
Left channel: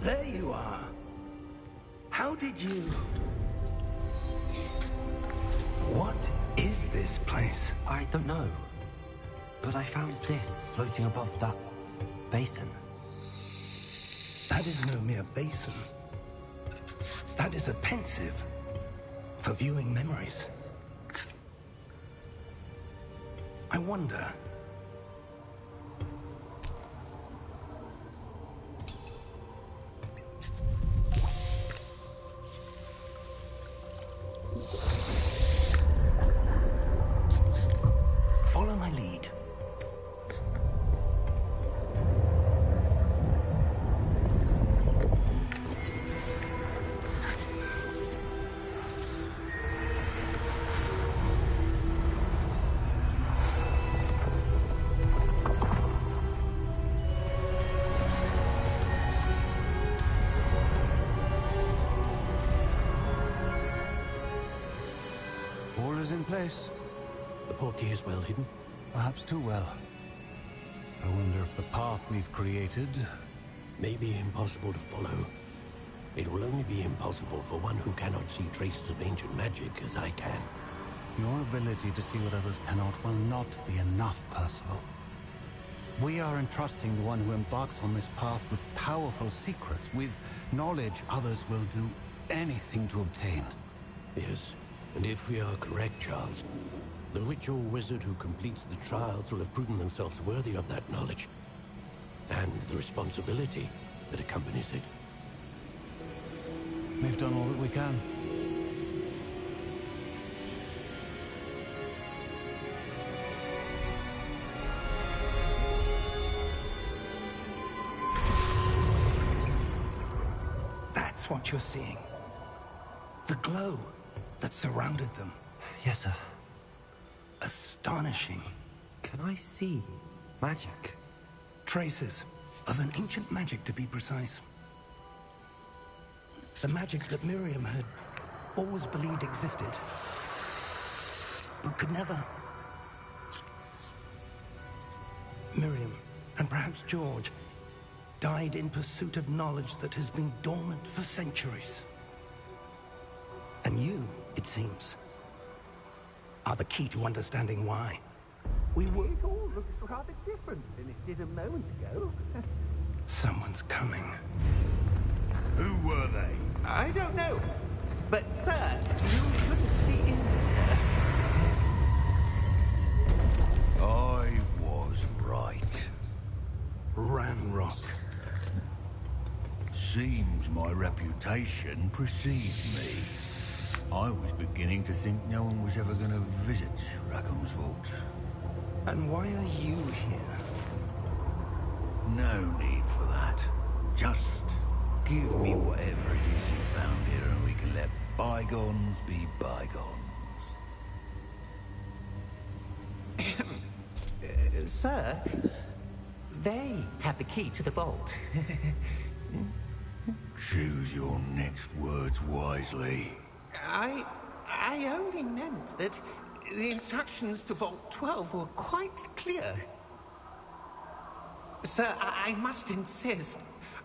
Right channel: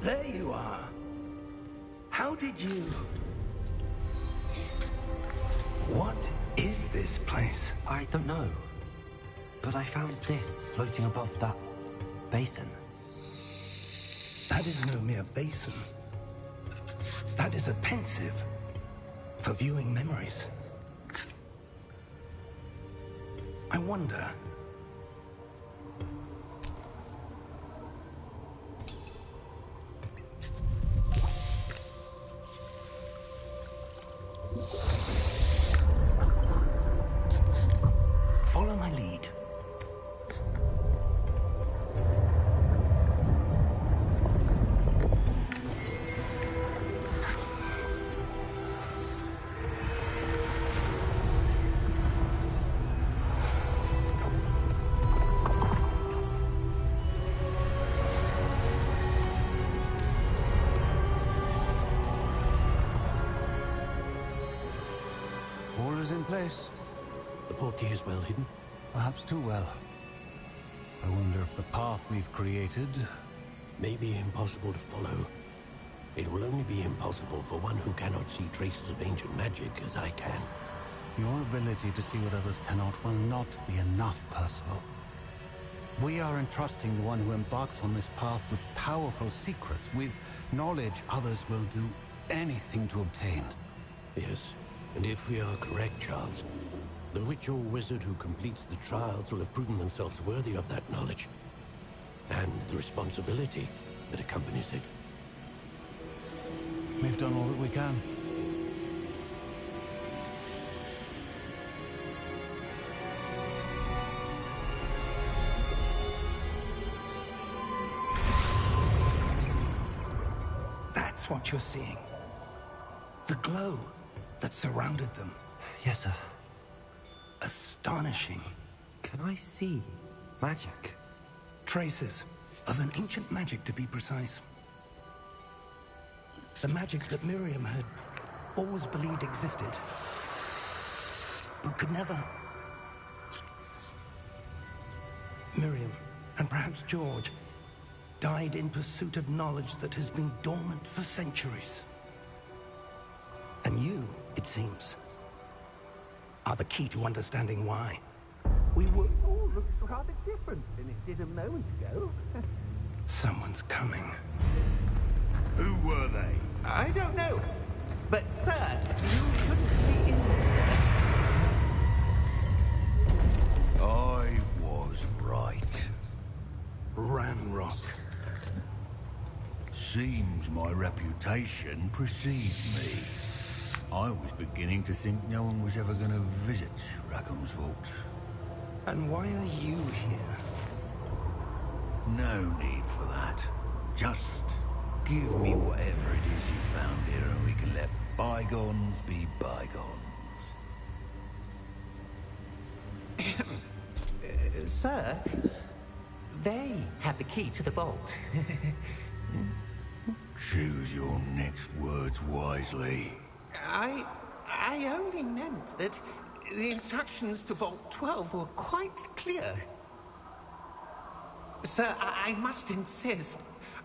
There you are. How did you... What is this place? I don't know. But I found this floating above that basin. That is no mere basin. That is a pensive for viewing memories. I wonder... Follow my lead. All is in place. The portkey is well hidden. Perhaps too well. I wonder if the path we've created... May be impossible to follow. It will only be impossible for one who cannot see traces of ancient magic as I can. Your ability to see what others cannot will not be enough, Percival. We are entrusting the one who embarks on this path with powerful secrets, with knowledge others will do anything to obtain. Yes, and if we are correct, Charles, the witch or wizard who completes the trials will have proven themselves worthy of that knowledge, and the responsibility that accompanies it. We've done all that we can. That's what you're seeing. The glow that surrounded them. Yes, sir. Astonishing. Can I see magic? Traces of an ancient magic, to be precise. The magic that Miriam had always believed existed, but could never. Miriam, and perhaps George, died in pursuit of knowledge that has been dormant for centuries. And you, it seems, are the key to understanding why. We were... It all looks rather different than it did a moment ago. Someone's coming. Who were they? I don't know. But, sir, you shouldn't be in there. I was right. Ranrock. Seems my reputation precedes me. I was beginning to think no one was ever going to visit Rackham's vault. And why are you here? No need for that. Just give me whatever it is you found here and we can let bygones be bygones. Sir, they have the key to the vault. Choose your next words wisely. I only meant that the instructions to Vault 12 were quite clear. Sir, I must insist.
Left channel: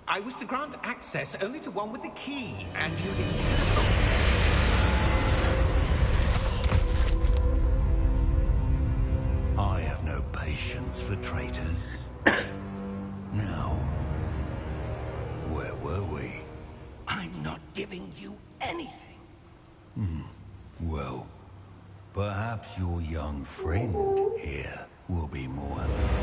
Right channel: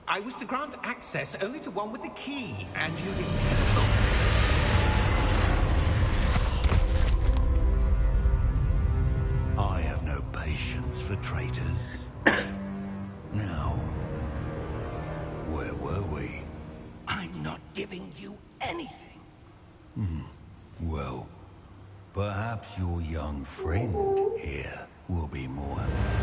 I was to grant access only to one with the key, and you didn't have I have no patience for traitors. Now, where were we? I'm not giving you anything. Well, perhaps your young friend here will be more helpful.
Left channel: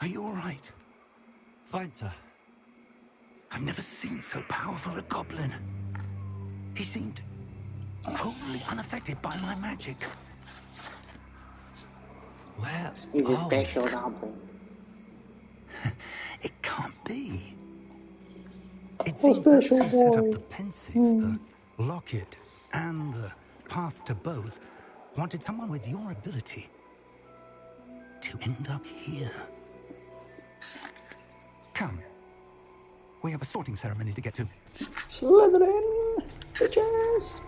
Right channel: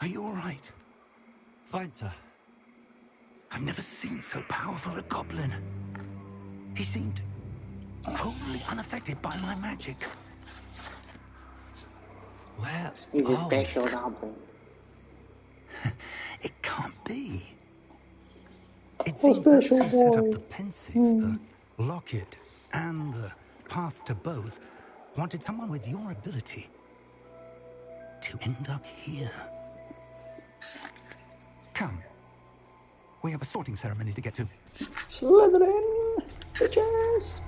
Are you all right? Fine, sir. I've never seen so powerful a goblin. He seemed wholly unaffected by my magic. Where He's a are special we? goblin. It can't be. It A seems that special who set up boy. the pensive, the locket, and the path to both wanted someone with your ability to end up here. Come. We have a sorting ceremony to get to. Slytherin, bitches.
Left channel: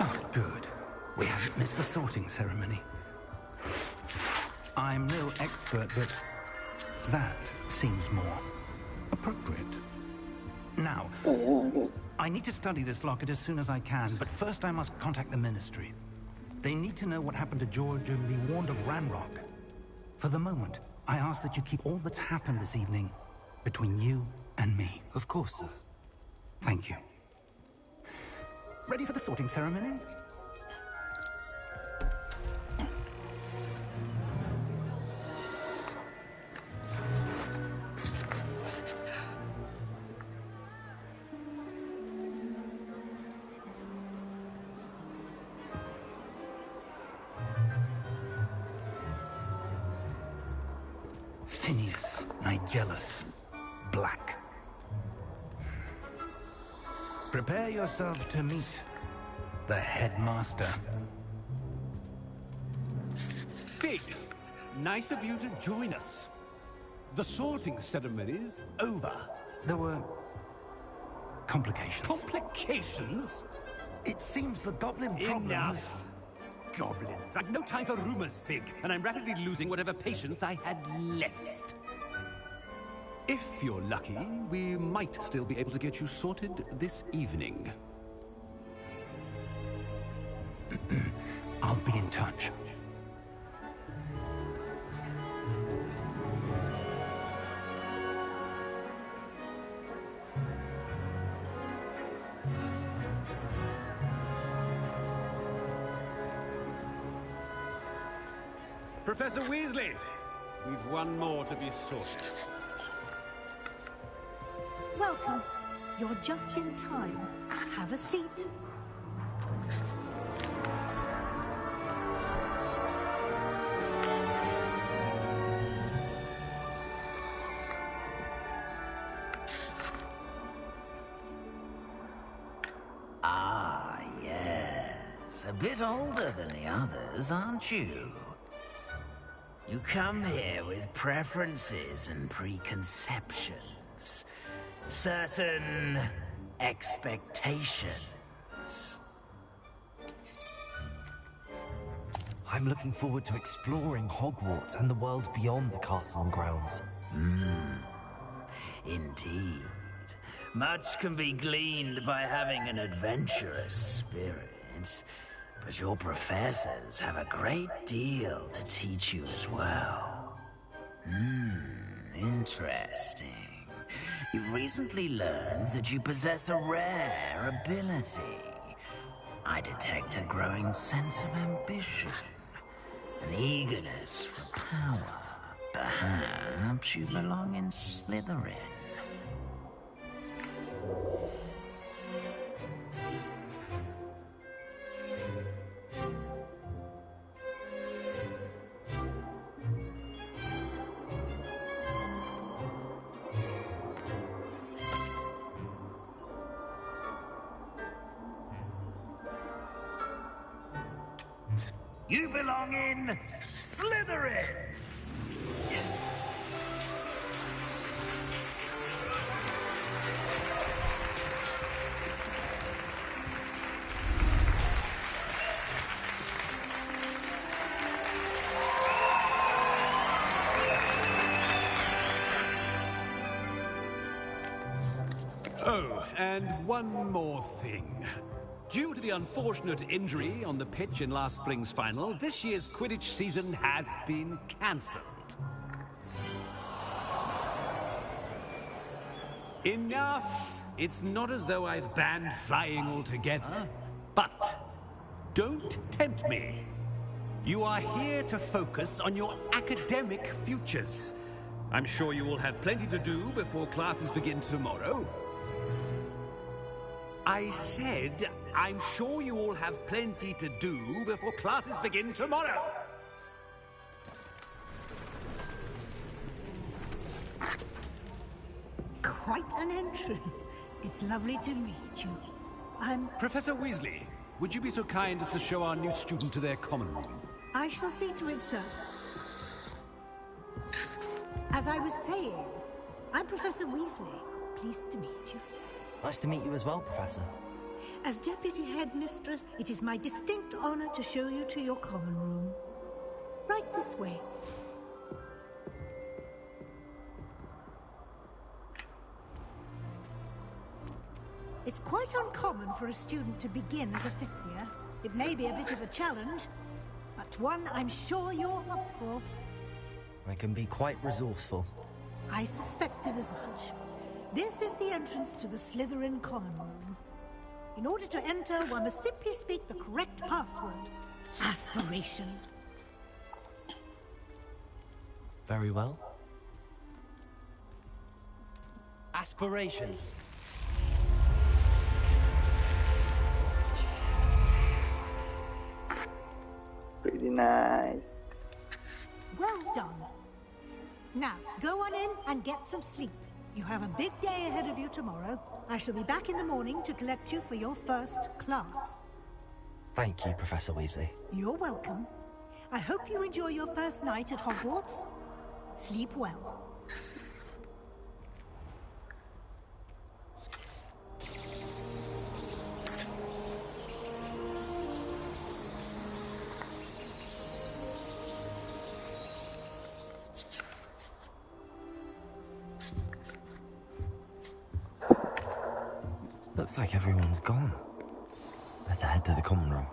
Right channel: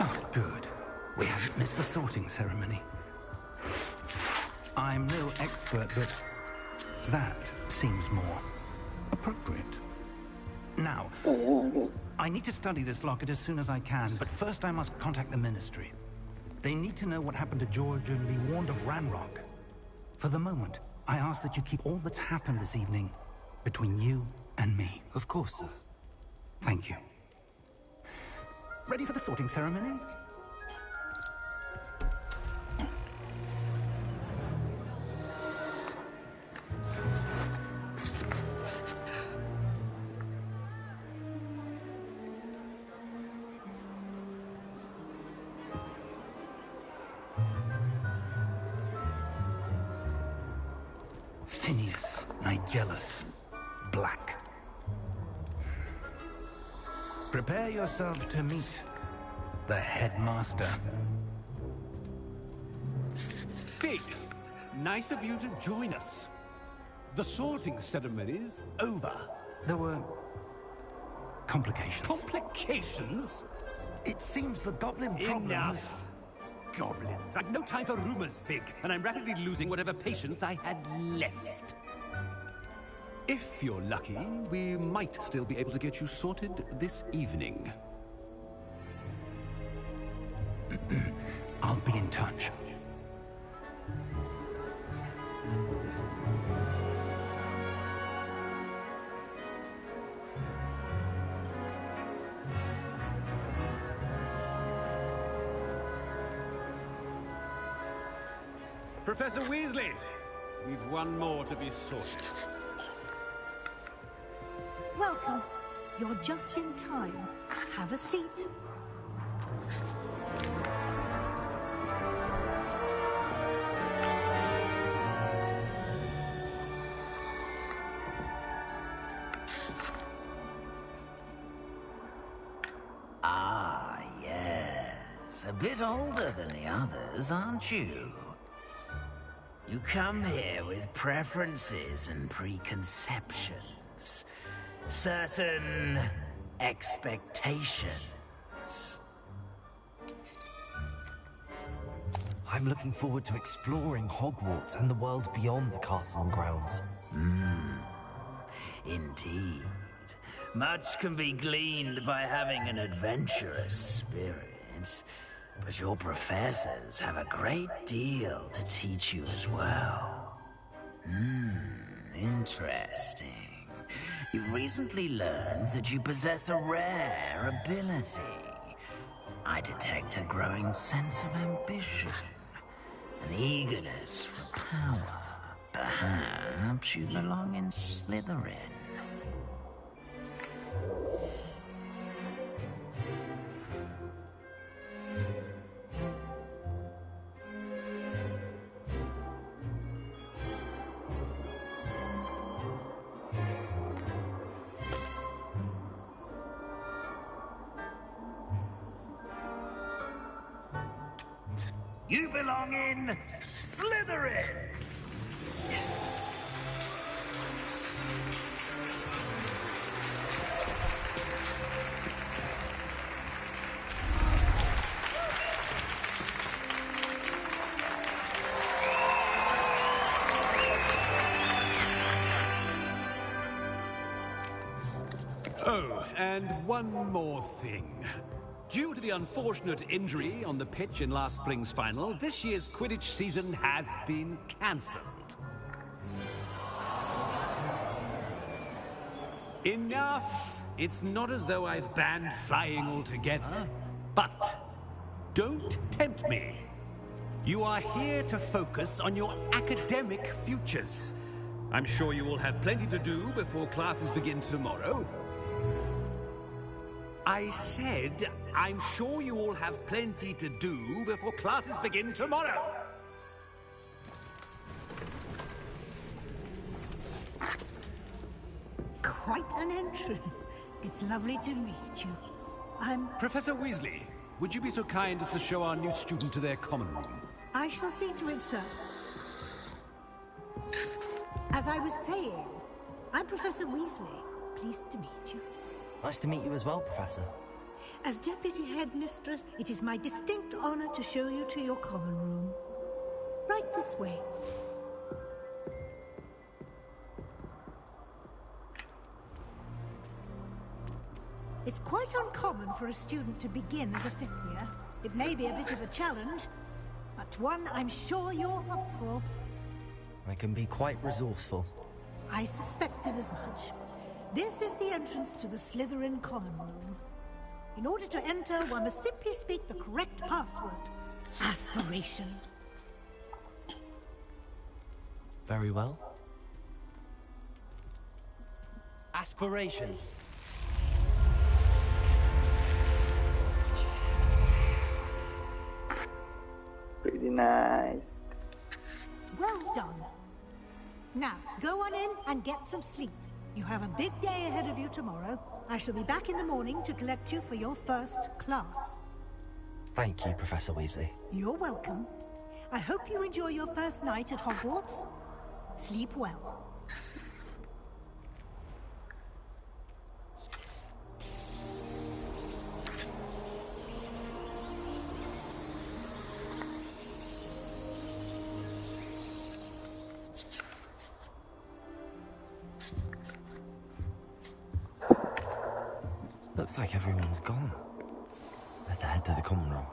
Oh, good. We haven't missed the sorting ceremony. I'm no expert, but that seems more appropriate. Now, I need to study this locket as soon as I can, but first I must contact the Ministry. They need to know what happened to George and be warned of Ranrock. For the moment, I ask that you keep all that's happened this evening between you and me. Of course, sir. Thank you. Ready for the sorting ceremony? Phineas, Nigellus, Black. Prepare yourself to meet the headmaster. Fig, nice of you to join us. The sorting ceremony's over. There were complications. Complications? It seems the goblin problem Enough. Goblins. I've no time for rumors, Fig, and I'm rapidly losing whatever patience I had left. If you're lucky, we might still be able to get you sorted this evening. I'll be in touch. Professor Weasley, we've one more to be sorted. Welcome. You're just in time. Have a seat. Ah, yes. A bit older than the others, aren't you? You come here with preferences and preconceptions. Certain expectations. I'm looking forward to exploring Hogwarts and the world beyond the castle and grounds. Indeed. Much can be gleaned by having an adventurous spirit. But your professors have a great deal to teach you as well. Interesting. You've recently learned that you possess a rare ability. I detect a growing sense of ambition, an eagerness for power. Perhaps you belong in Slytherin. You belong in Slytherin! Yes. Oh, and one more thing. Due to the unfortunate injury on the pitch in last spring's final, this year's Quidditch season has been cancelled. Enough! It's not as though I've banned flying altogether, but don't tempt me. You are here to focus on your academic futures. I'm sure you will have plenty to do before classes begin tomorrow. I said, I'm sure you all have plenty to do before classes begin tomorrow. Quite an entrance. It's lovely to meet you. I'm... Professor Weasley, would you be so kind as to show our new student to their common room? I shall see to it, sir. As I was saying, I'm Professor Weasley. Pleased to meet you. Nice to meet you as well, Professor. As Deputy Headmistress, it is my distinct honor to show you to your common room. Right this way. It's quite uncommon for a student to begin as a fifth year. It may be a bit of a challenge, but one I'm sure you're up for. I can be quite resourceful. I suspected as much. This is the entrance to the Slytherin common room. In order to enter, one must simply speak the correct password. Aspiration. Very well. Aspiration. Pretty nice. Well done. Now, go on in and get some sleep. You have a big day ahead of you tomorrow. I shall be back in the morning to collect you for your first class. Thank you, Professor Weasley. You're welcome. I hope you enjoy your first night at Hogwarts. Sleep well. Looks like everyone's gone. Better head to the common room.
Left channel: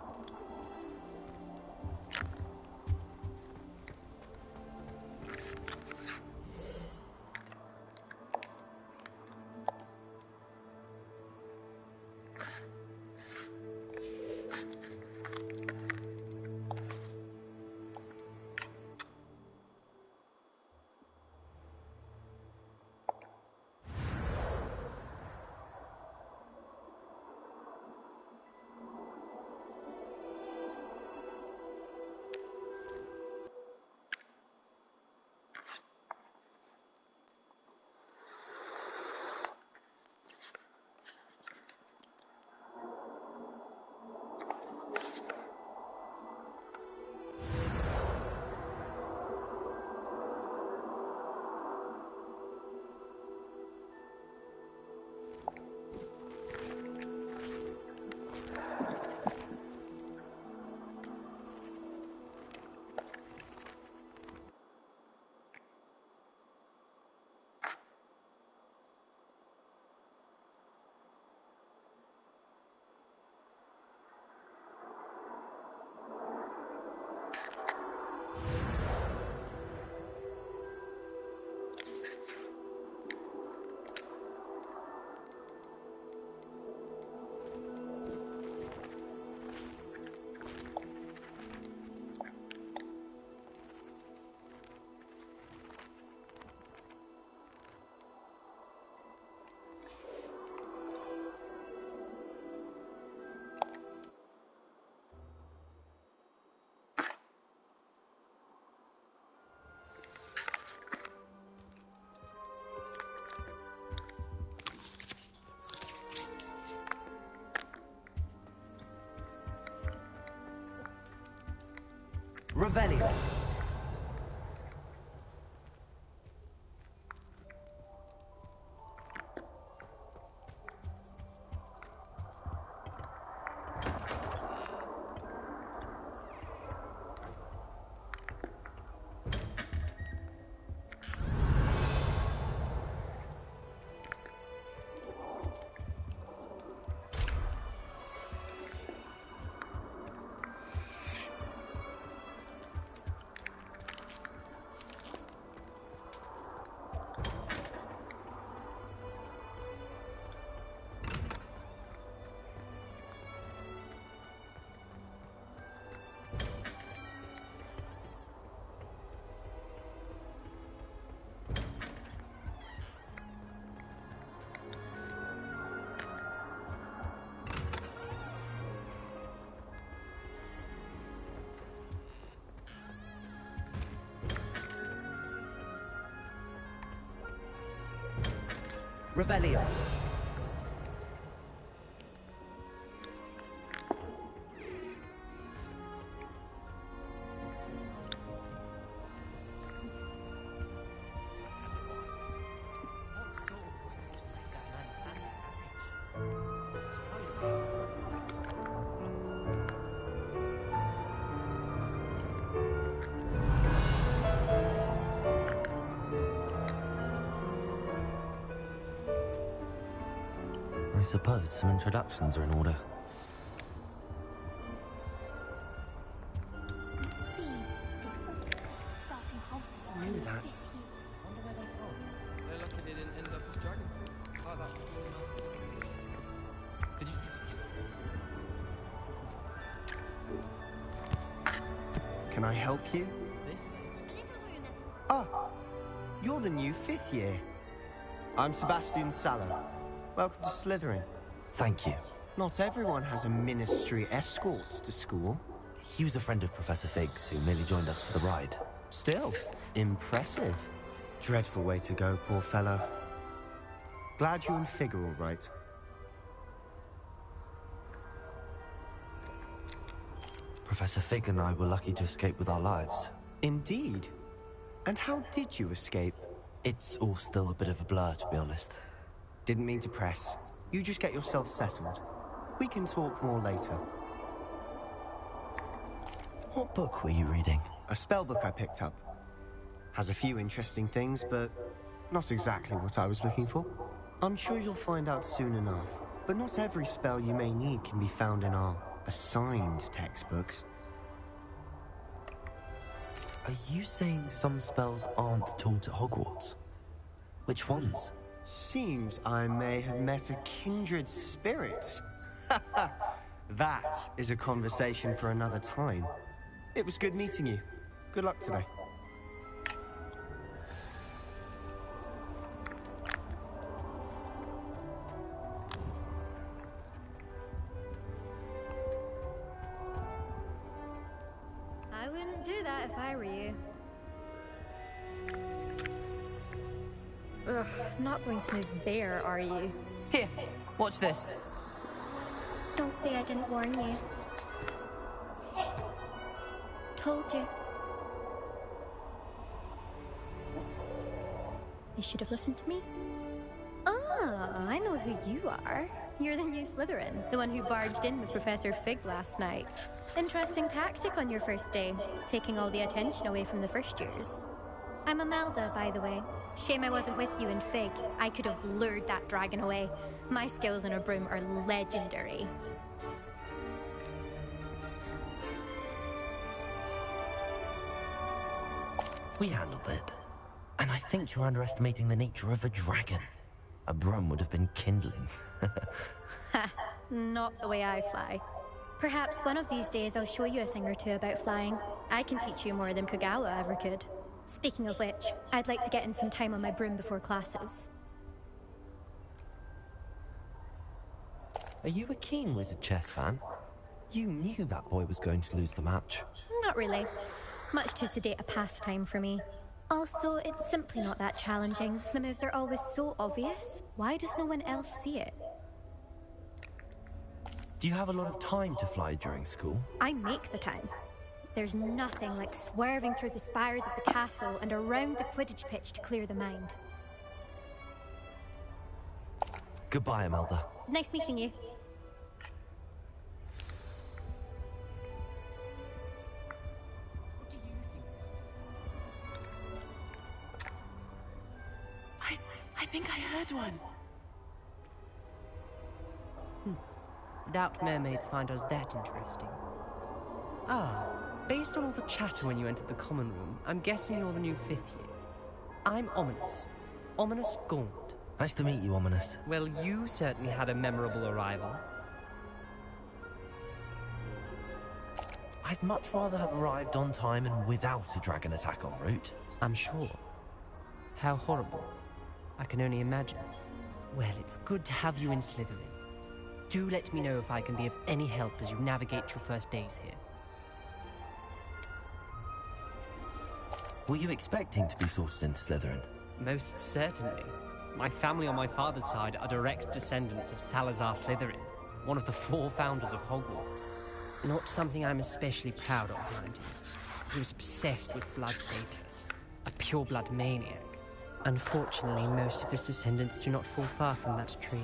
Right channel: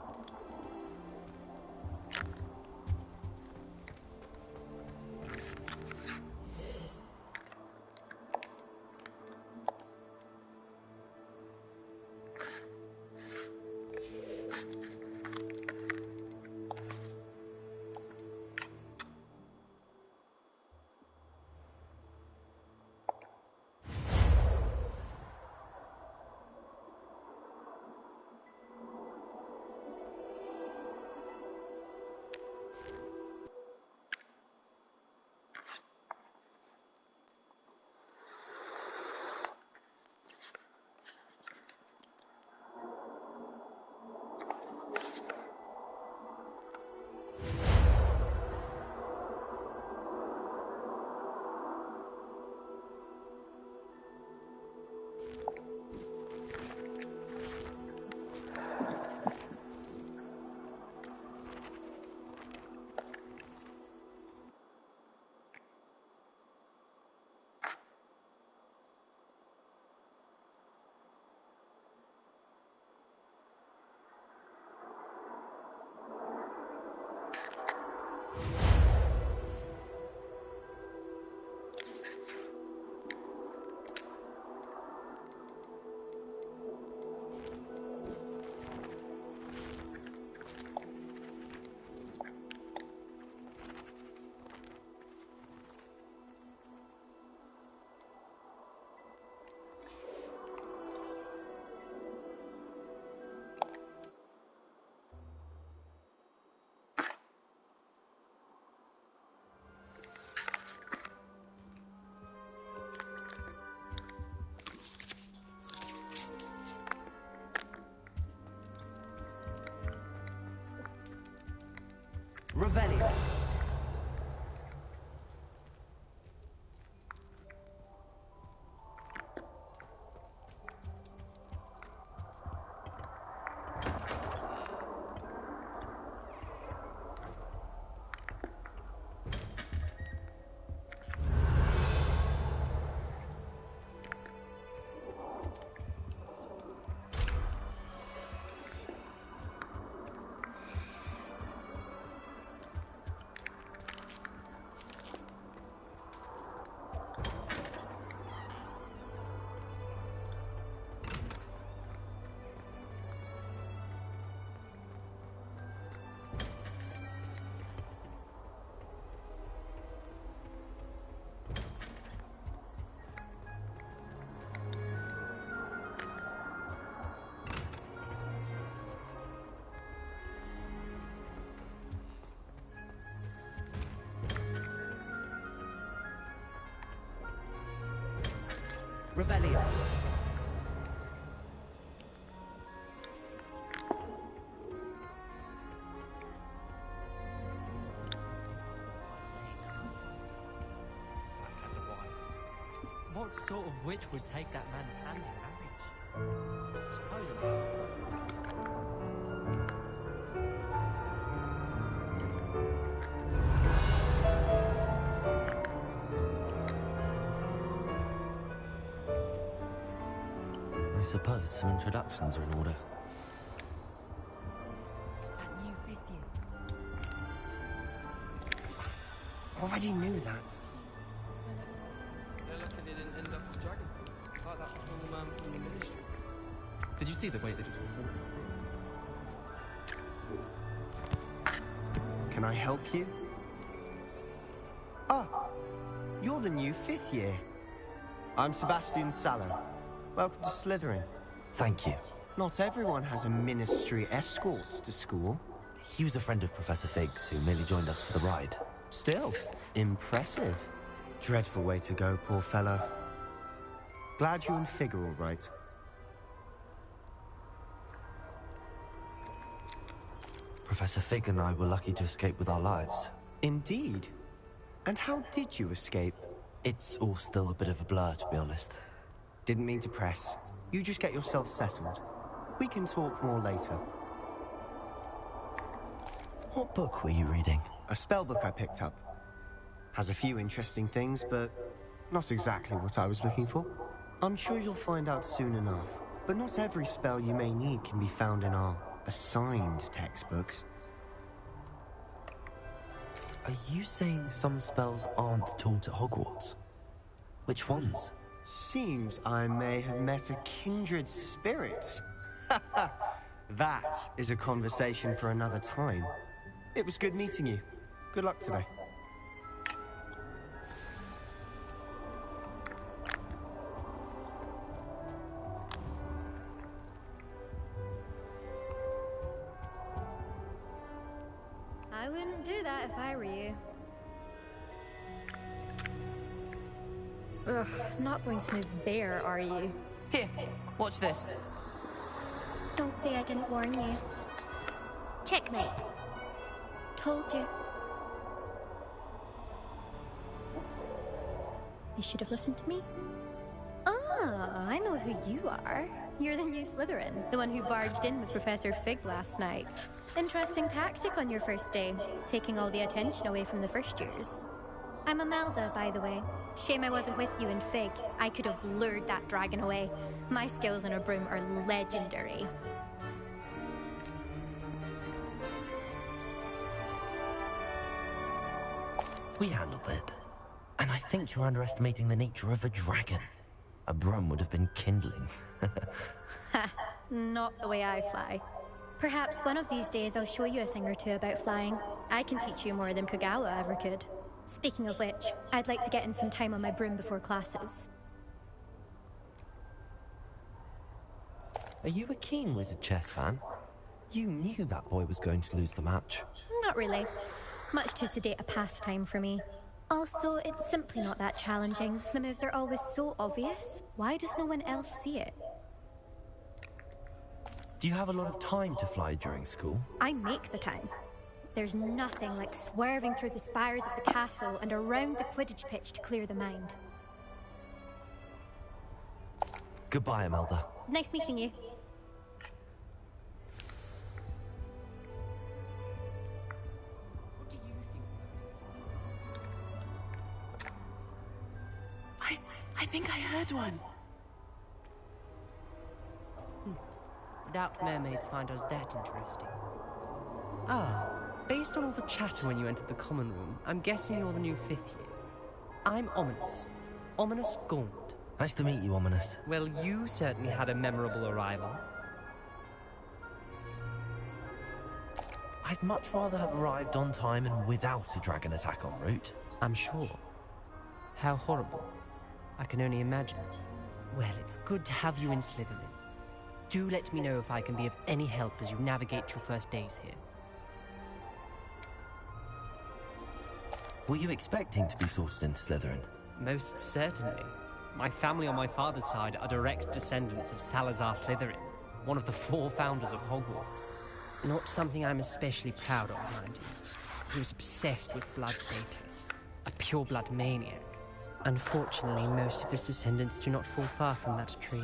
Revelio. Revelio. What sort of witch would take that man's hand in marriage? I suppose some introductions are in order. Already knew that. They're lucky they didn't end up as dragon fruit, like that poor man from the mission. Did you see the way that... Can I help you? Ah, you're the new 5th year. I'm Sebastian Sallow. Welcome to Slytherin. Thank you. Not everyone has a ministry escort to school. He was a friend of Professor Fig's who merely joined us for the ride. Still, impressive. Dreadful way to go, poor fellow. Glad you and Fig are all right. Professor Fig and I were lucky to escape with our lives. Indeed. And how did you escape? It's all still a bit of a blur, to be honest. Didn't mean to press. You just get yourself settled. We can talk more later. What book were you reading? A spell book I picked up. Has a few interesting things, but not exactly what I was looking for. I'm sure you'll find out soon enough. But not every spell you may need can be found in our assigned textbooks. Are you saying some spells aren't taught at Hogwarts? Which ones? Seems I may have met a kindred spirit. That is a conversation for another time. It was good meeting you. Good luck today. I wouldn't do that if I were you. Ugh, not going to move there, are you? Here, watch this. Don't say I didn't warn you. Checkmate. Told you. You should have listened to me. Ah, I know who you are. You're the new Slytherin, the one who barged in with Professor Fig last night. Interesting tactic on your first day, taking all the attention away from the first years. I'm Imelda, by the way. Shame I wasn't with you in Fig. I could have lured that dragon away. My skills on a broom are legendary. We handled it. And I think you're underestimating the nature of a dragon. A broom would have been kindling. Ha, not the way I fly. Perhaps one of these days I'll show you a thing or two about flying. I can teach you more than Kogawa ever could. Speaking of which, I'd like to get in some time on my broom before classes. Are you a keen Wizard chess fan? You knew that boy was going to lose the match. Not really. Much too sedate a pastime for me. Also, it's simply not that challenging. The moves are always so obvious. Why does no one else see it? Do you have a lot of time to fly during school? I make the time. There's nothing like swerving through the spires of the castle and around the Quidditch pitch to clear the mind. Goodbye, Imelda. Nice meeting you. What do you think? I think I heard one. Doubt mermaids find us that interesting. Ah, based on all the chatter when you entered the common room, I'm guessing you're the new 5th year. I'm Ominous. Ominous Gaunt. Nice to meet you, Ominous. Well, you certainly had a memorable arrival. I'd much rather have arrived on time and without a dragon attack en route. I'm sure. How horrible. I can only imagine. Well, it's good to have you in Slytherin. Do let me know if I can be of any help as you navigate your first days here. Were you expecting to be sorted into Slytherin? Most certainly. My family on my father's side are direct descendants of Salazar Slytherin, one of the 4 founders of Hogwarts. Not something I'm especially proud of, mind you. He was obsessed with blood status, a pure-blood maniac. Unfortunately, most of his descendants do not fall far from that tree.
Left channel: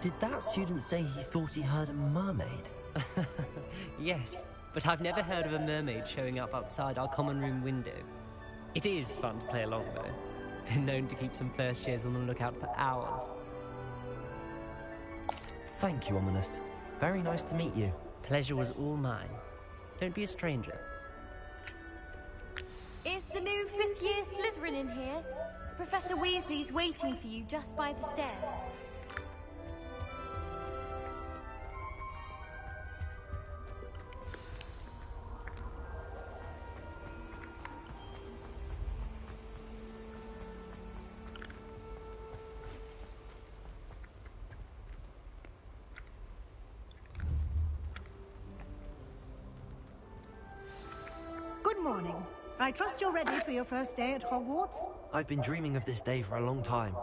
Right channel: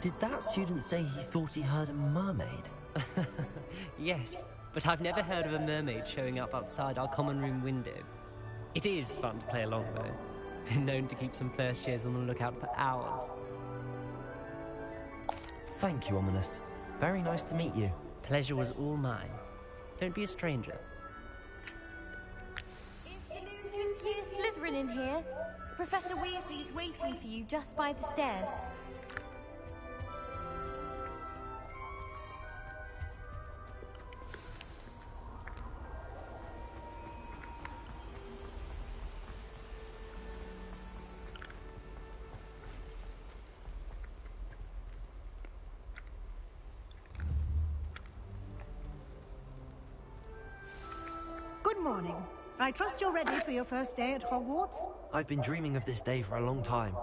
Did that student say he thought he heard a mermaid? Yes, but I've never heard of a mermaid showing up outside our common room window. It is fun to play along, though. Been known to keep some first years on the lookout for hours. Thank you, Ominous. Very nice to meet you. Pleasure was all mine. Don't be a stranger. Is the new 5th year Slytherin in here? Professor Weasley's waiting for you just by the stairs. Good morning. I trust you're ready for your first day at Hogwarts? I've been dreaming of this day for a long time.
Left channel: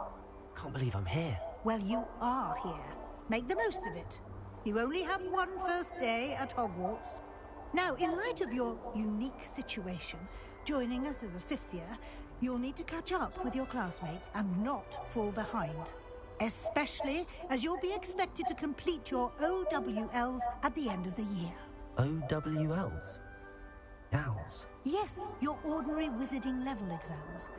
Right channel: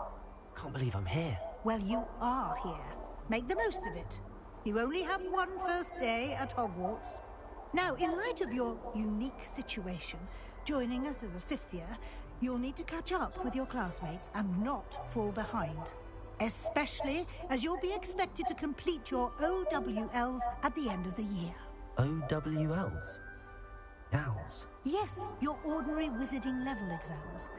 Can't believe I'm here. Well, you are here. Make the most of it. You only have one first day at Hogwarts. Now, in light of your unique situation, joining us as a 5th year, you'll need to catch up with your classmates and not fall behind. Especially as you'll be expected to complete your OWLs at the end of the year. OWLs? Owls? Yes, your ordinary wizarding level exams.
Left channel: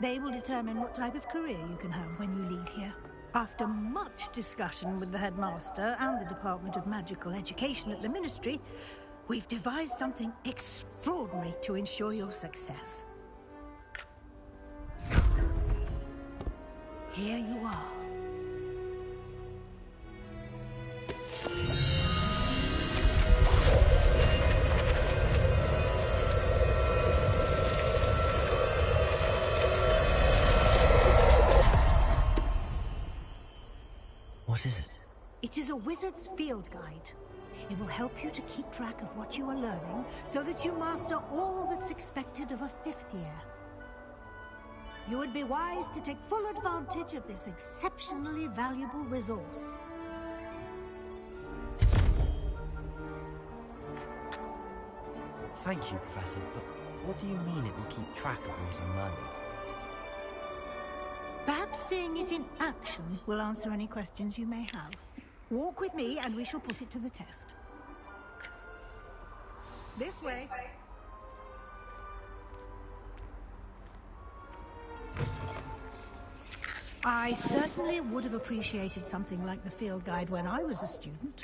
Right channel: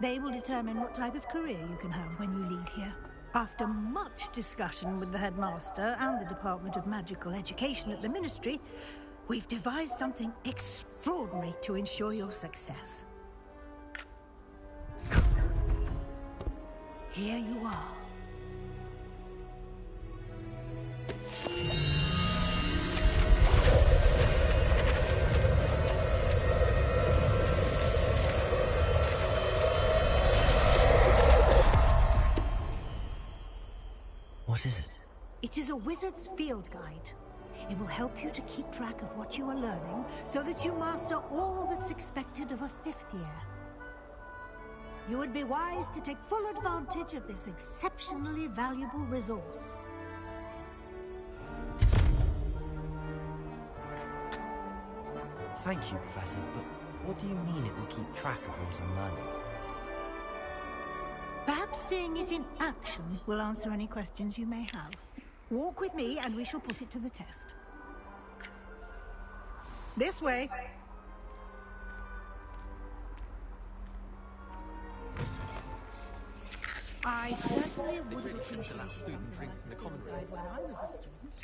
They will determine what type of career you can have when you leave here. After much discussion with the headmaster and the Department of Magical Education at the Ministry, we've devised something extraordinary to ensure your success. Here you are. What is it? It is a wizard's field guide. It will help you to keep track of what you are learning so that you master all that's expected of a 5th year. You would be wise to take full advantage of this exceptionally valuable resource. Thank you, Professor, but what do you mean it will keep track of what I'm learning? Perhaps seeing it in action will answer any questions you may have. Walk with me and we shall put it to the test. This way. I certainly would have appreciated something like the field guide when I was a student.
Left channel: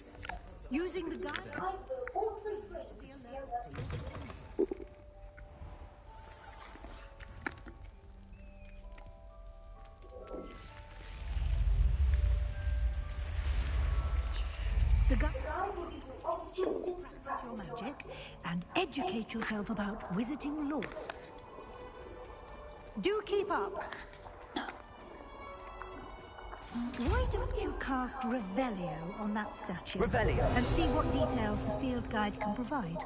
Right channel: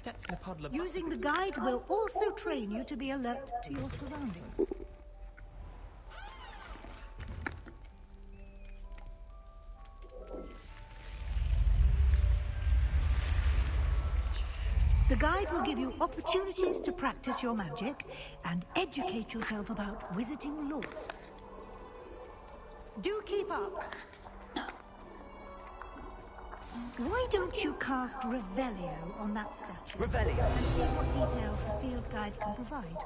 Using the guide will also train you to be alert to your surroundings. The guide will give you opportunities to practice your magic and educate yourself about wizarding lore. Do keep up. Why don't you cast Revelio on that statue? Revelio? And see what details the field guide can provide.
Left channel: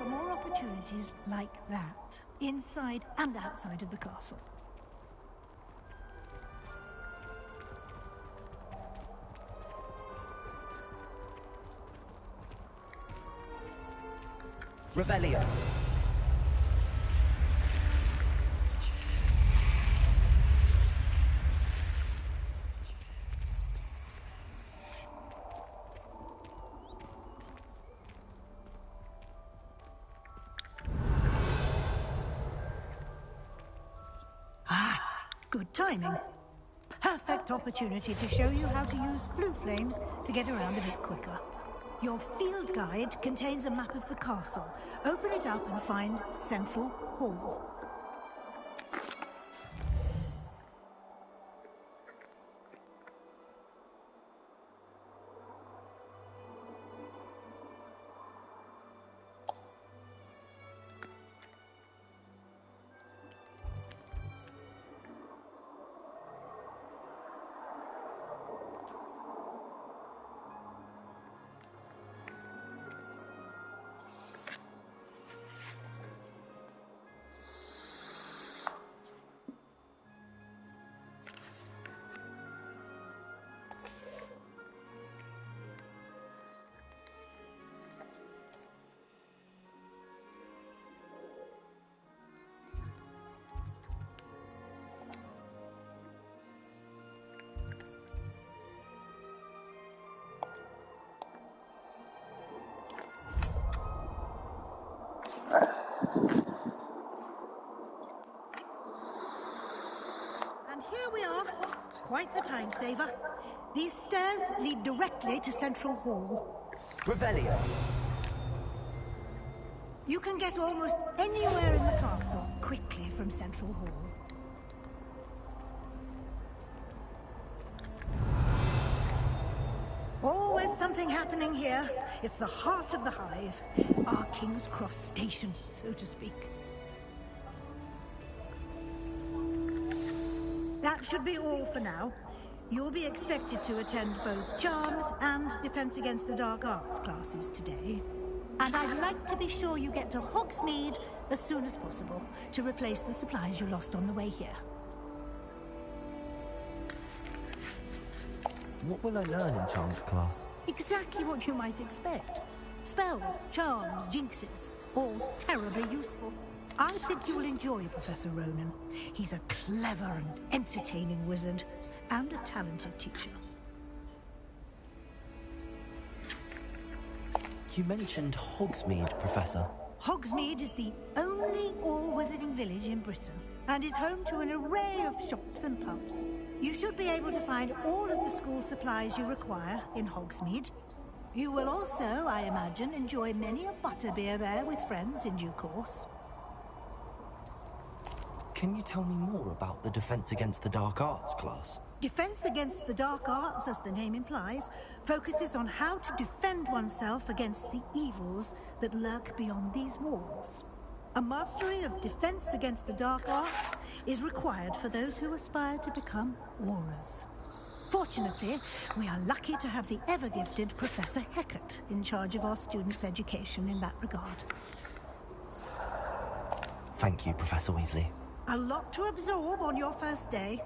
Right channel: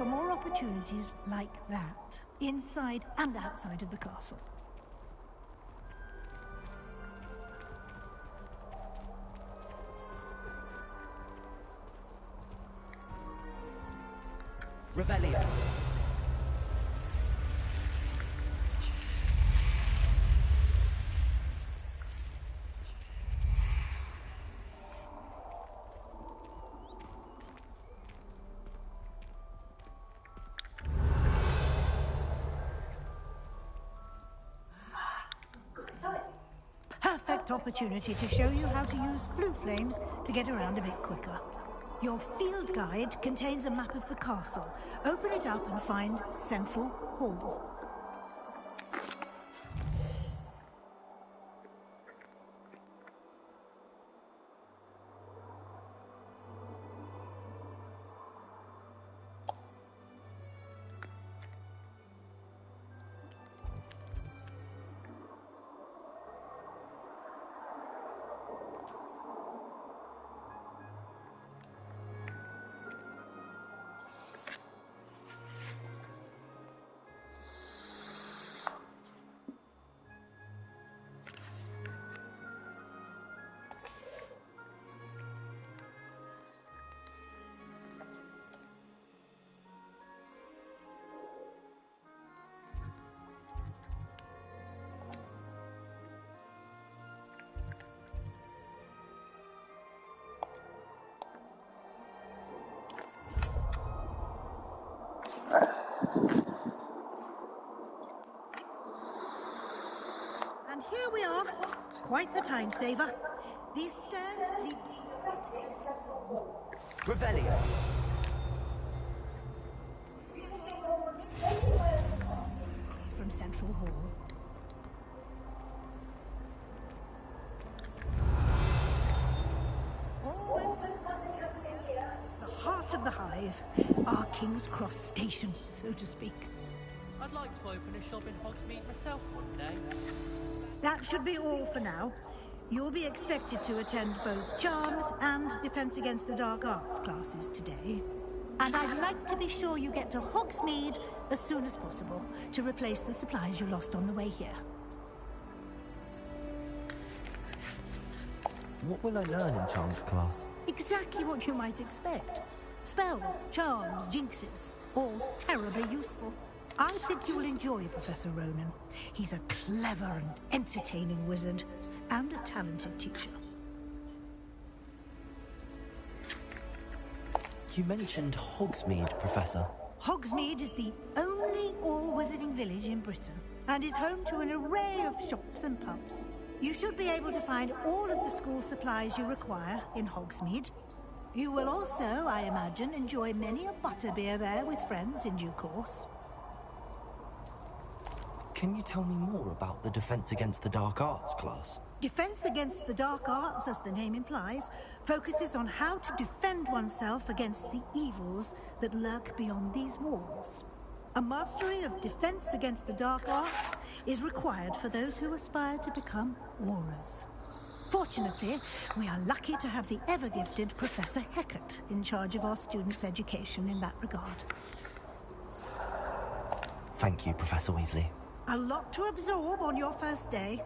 for more opportunities like that, inside and outside of the castle. Revelio. Good timing. Perfect opportunity to show you how to use flue flames to get around a bit quicker. Your field guide contains a map of the castle. Open it up and find Central Hall. And here we are. Quite the time saver. These stairs lead directly to Central Hall. Revelio. You can get almost anywhere in the castle quickly from Central Hall. Always something happening here. It's the heart of the hive. Our King's Cross station, so to speak. I'd like to open a shop in Hogsmeade myself one day. That should be all for now. You'll be expected to attend both Charms and Defense Against the Dark Arts classes today. And I'd like to be sure you get to Hogsmeade as soon as possible to replace the supplies you lost on the way here. What will I learn in Charms class? Exactly what you might expect. Spells, charms, jinxes, all terribly useful. I think you will enjoy Professor Ronan. He's a clever and entertaining wizard, and a talented teacher. You mentioned Hogsmeade, Professor. Hogsmeade is the only all-wizarding village in Britain, and is home to an array of shops and pubs. You should be able to find all of the school supplies you require in Hogsmeade. You will also, I imagine, enjoy many a butterbeer there with friends in due course. Can you tell me more about the Defense Against the Dark Arts class? Defense Against the Dark Arts, as the name implies, focuses on how to defend oneself against the evils that lurk beyond these walls. A mastery of Defense Against the Dark Arts is required for those who aspire to become Aurors. Fortunately, we are lucky to have the ever-gifted Professor Hecat in charge of our students' education in that regard. Thank you, Professor Weasley. A lot to absorb on your first day,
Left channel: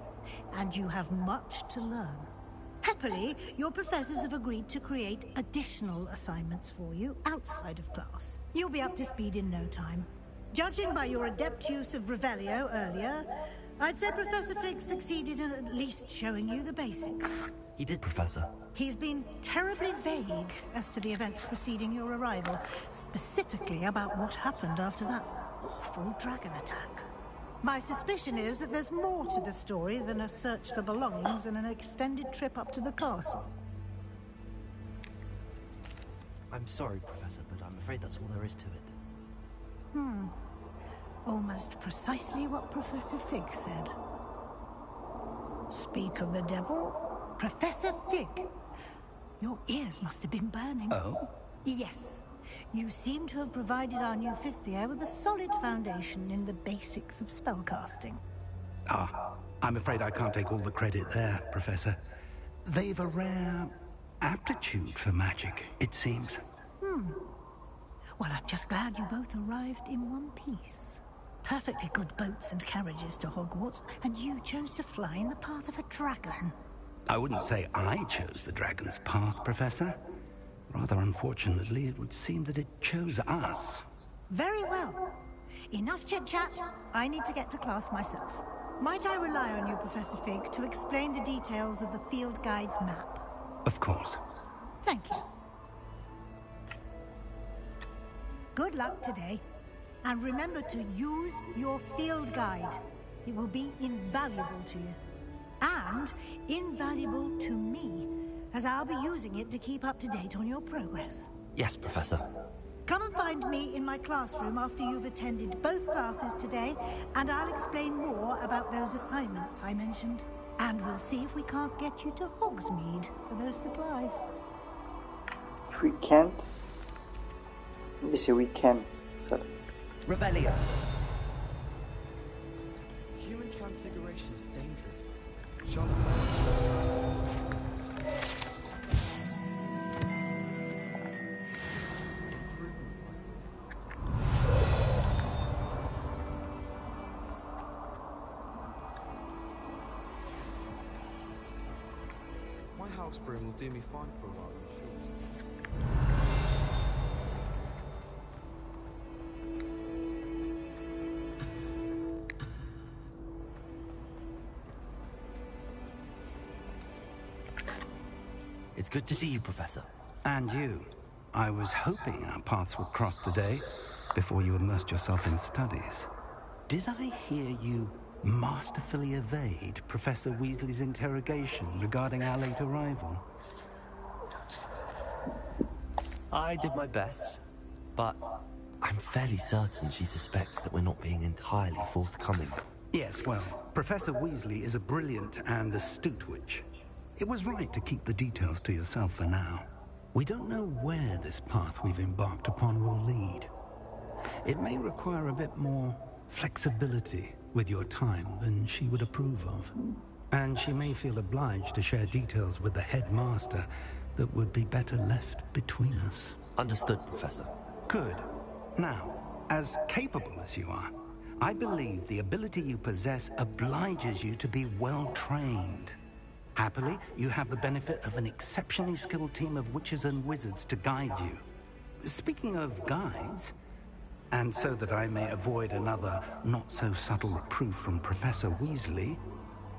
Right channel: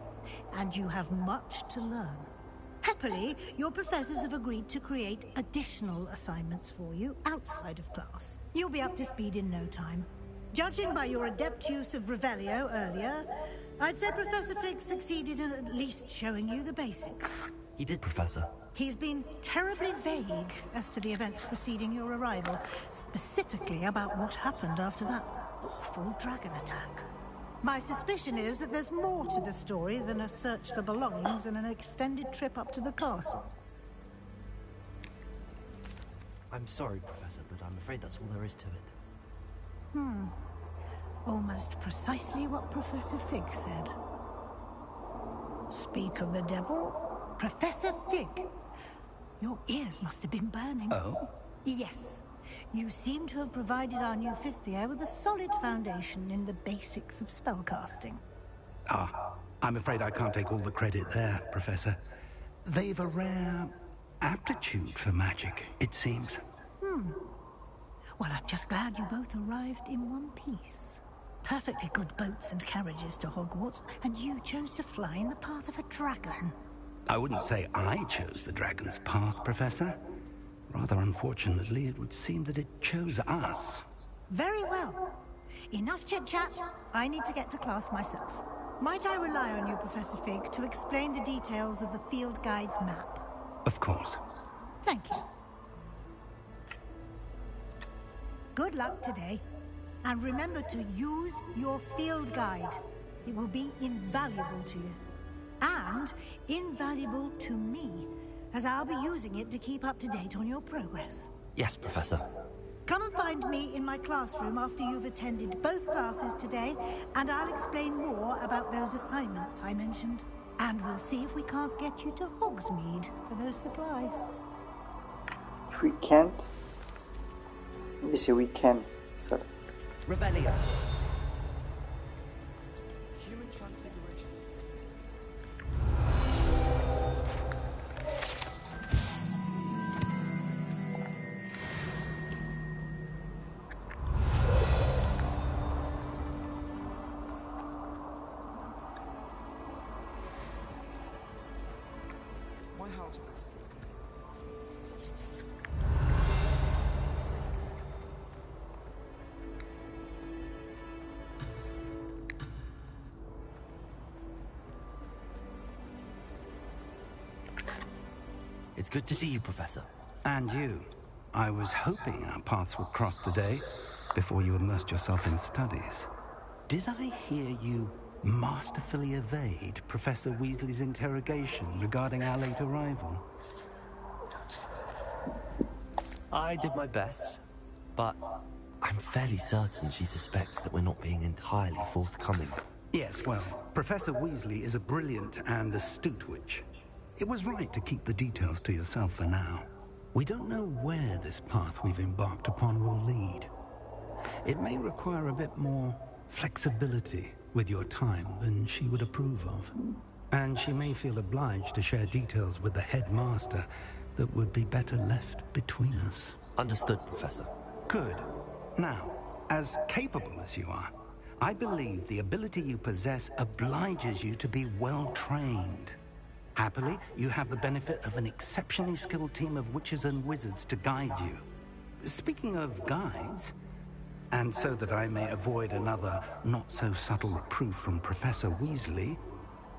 and you have much to learn. Happily, your professors have agreed to create additional assignments for you outside of class. You'll be up to speed in no time. Judging by your adept use of Revelio earlier, I'd say Professor Fig succeeded in at least showing you the basics. He did, Professor. He's been terribly vague as to the events preceding your arrival, specifically about what happened after that awful dragon attack. My suspicion is that there's more to the story than a search for belongings and an extended trip up to the castle. I'm sorry, Professor, but I'm afraid that's all there is to it. Almost precisely what Professor Fig said. Speak of the devil, Professor Fig. Your ears must have been burning. Oh? Yes. You seem to have provided our new fifth year with a solid foundation in the basics of spellcasting. I'm afraid I can't take all the credit there, Professor. They've a rare aptitude for magic, it seems. Well, I'm just glad you both arrived in one piece. Perfectly good boats and carriages to Hogwarts, and you chose to fly in the path of a dragon. I wouldn't say I chose the dragon's path, Professor. Rather unfortunately, it would seem that it chose us. Very well. Enough chit-chat. I need to get to class myself. Might I rely on you, Professor Fig, to explain the details of the field guide's map? Of course. Thank you. Good luck today. And remember to use your field guide. It will be invaluable to you. And invaluable to me, as I'll be using it to keep up to date on your progress. Yes, Professor. Come and find me in my classroom after you've attended both classes today, and I'll explain more about those assignments I mentioned. And we'll see if we can't get you to Hogsmeade for those supplies. If we can't, they say we can, sir. Revelio. Human transfiguration is dangerous. My house broom will do me fine for a while. It's good to see you, Professor. And you. I was hoping our paths would cross today, before you immersed yourself in studies. Did I hear you masterfully evade Professor Weasley's interrogation regarding our late arrival? I did my best, but I'm fairly certain she suspects that we're not being entirely forthcoming. Yes, well, Professor Weasley is a brilliant and astute witch. It was right to keep the details to yourself for now. We don't know where this path we've embarked upon will lead. It may require a bit more flexibility with your time than she would approve of. And she may feel obliged to share details with the headmaster that would be better left between us. Understood, Professor. Good. Now, as capable as you are, I believe the ability you possess obliges you to be well trained. Happily, you have the benefit of an exceptionally skilled team of witches and wizards to guide you. Speaking of guides, and so that I may avoid another not-so-subtle reproof from Professor Weasley,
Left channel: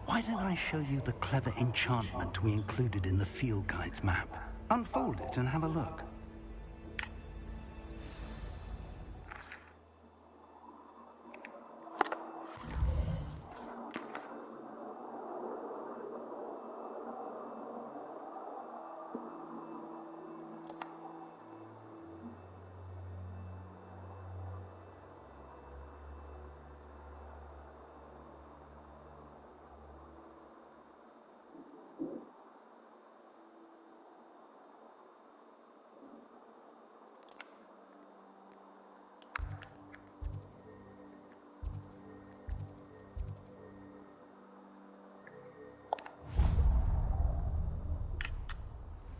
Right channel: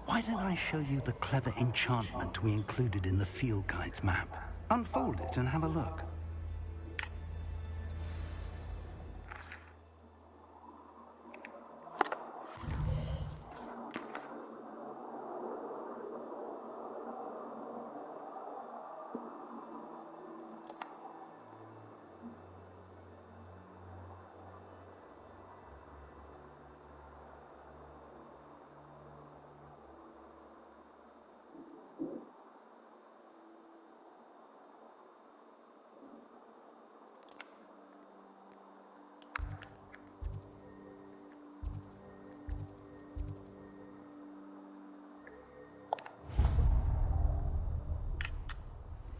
why don't I show you the clever enchantment we included in the field guide's map? Unfold it and have a look.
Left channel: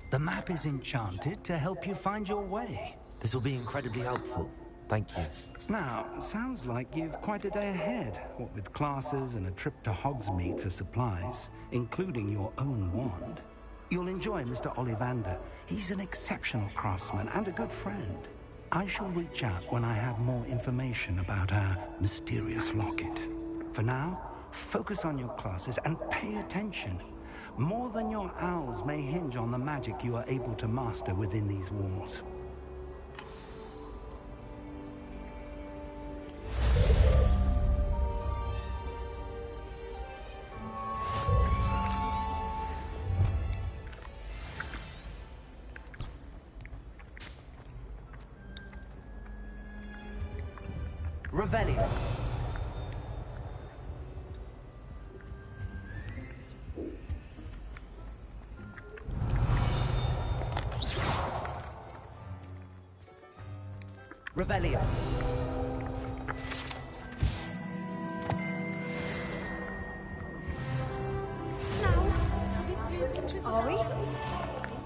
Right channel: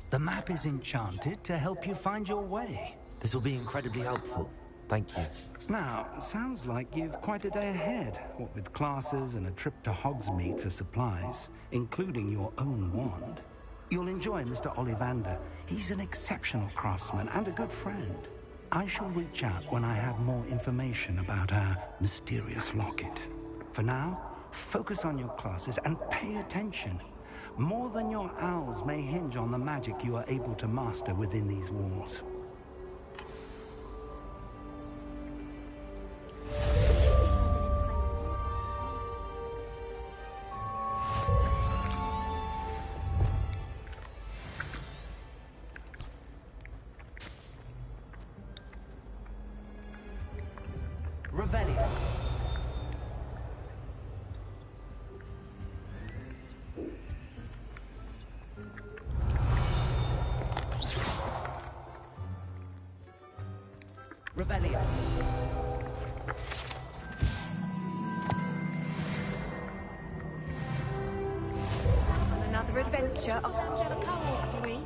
The map is enchanted to help you find your way. This will be incredibly helpful. Thank you. Now, sounds like you've quite a day ahead, what with classes and a trip to Hogsmeade for supplies, including your own wand. You'll enjoy Mr. Ollivander. He's an exceptional craftsman and a good friend. I shall reach out when I have more information about our mysterious locket. For now, focus on your classes and pay attention. More than your owls may hinge on the magic you are able to master within these walls. Revelio. Revelio. Another adventure, are we?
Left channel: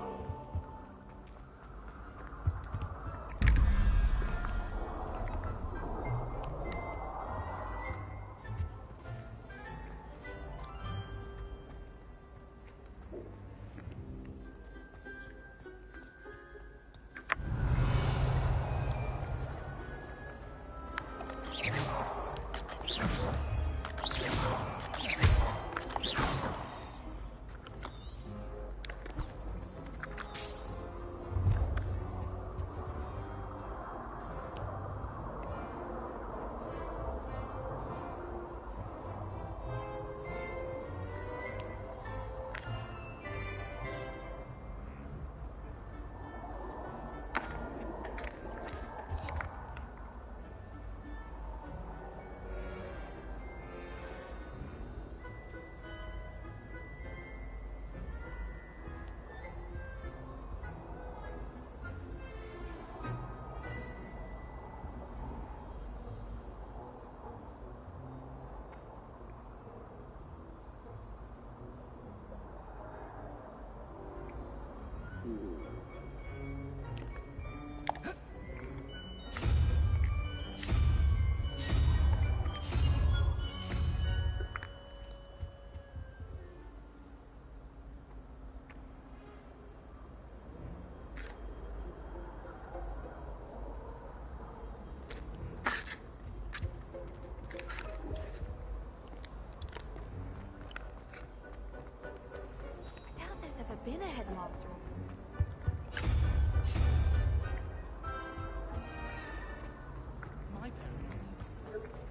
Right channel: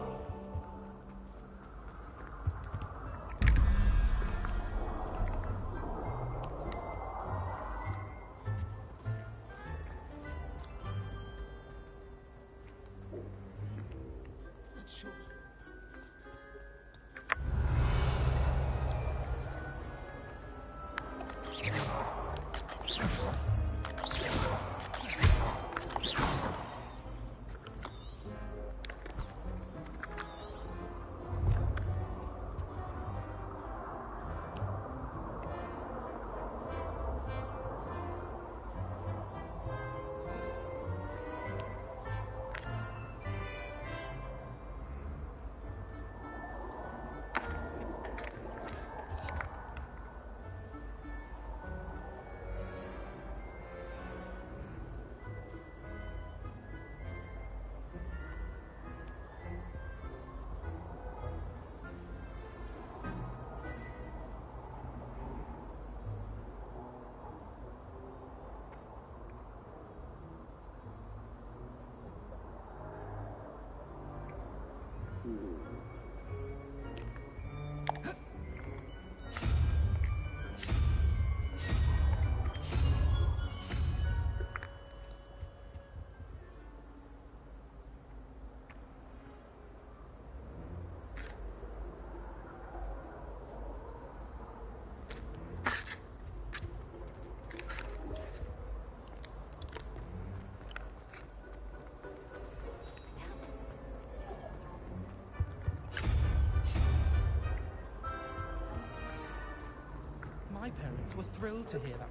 My parents were thrilled to hear that.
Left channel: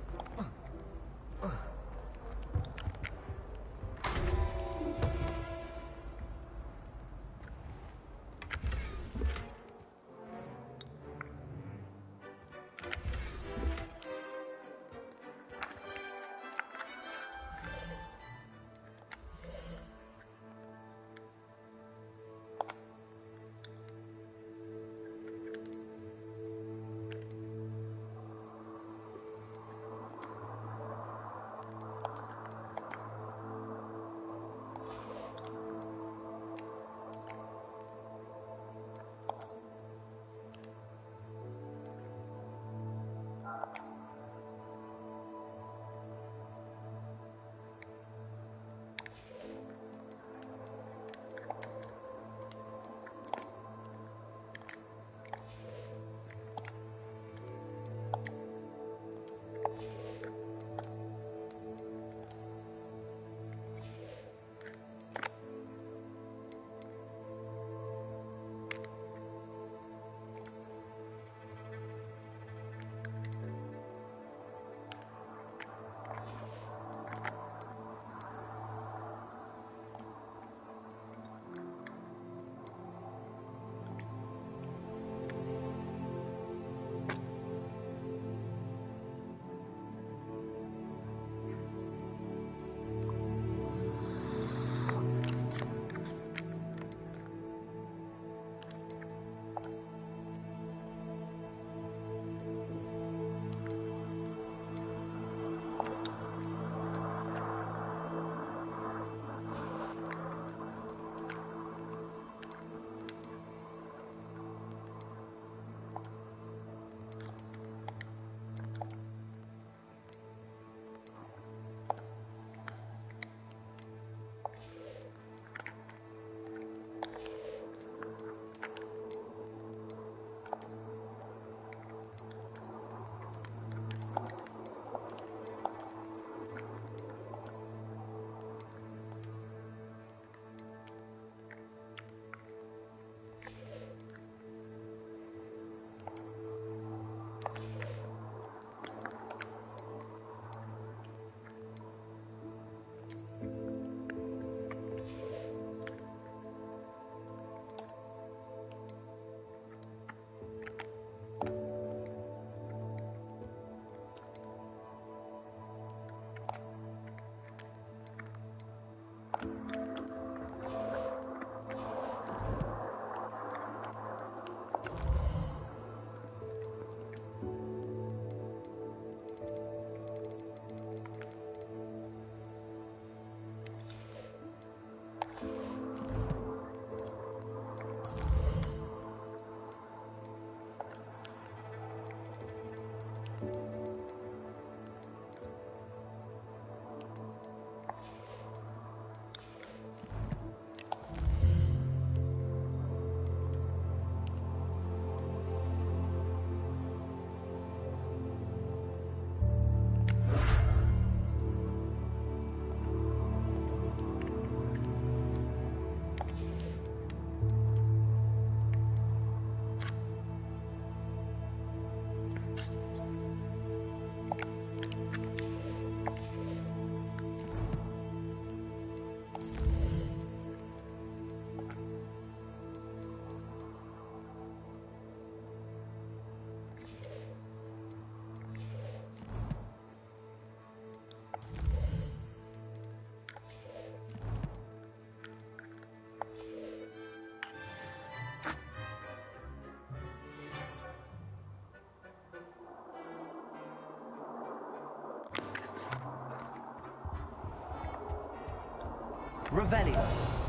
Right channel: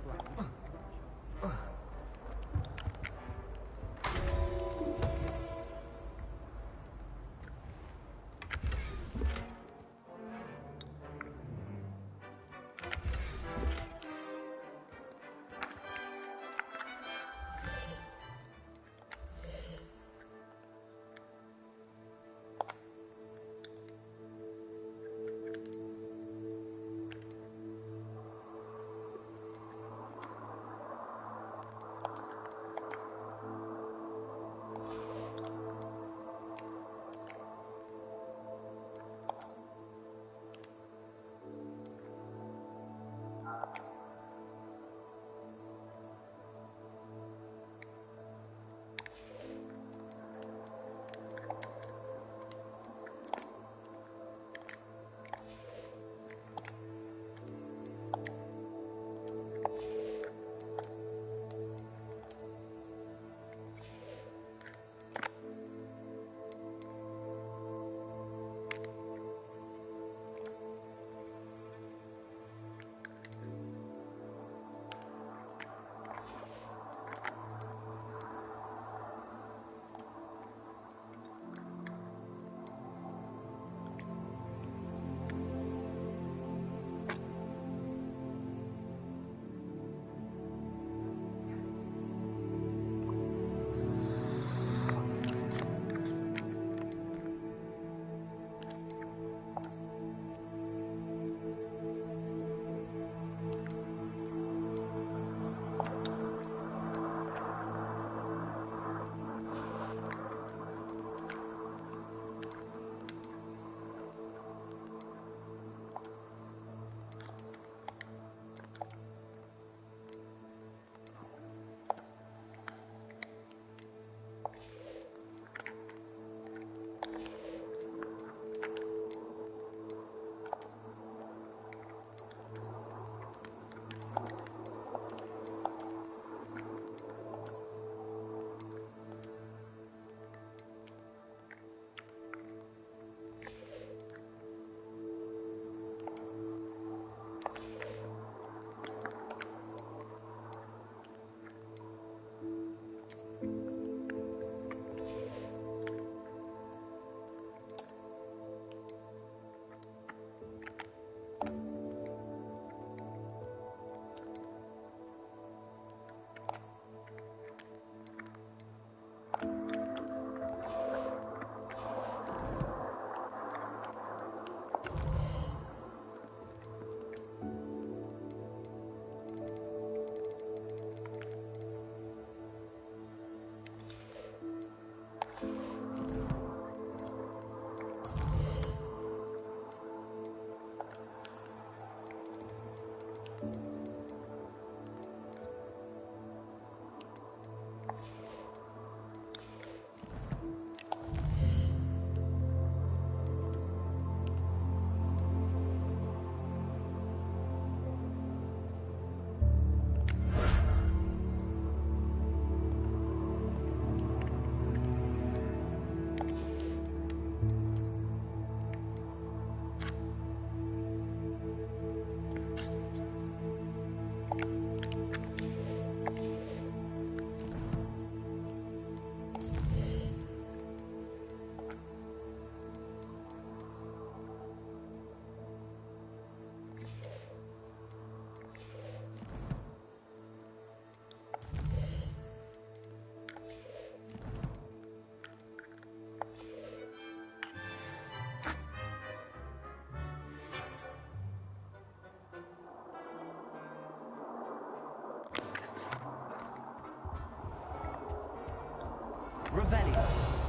Revelio.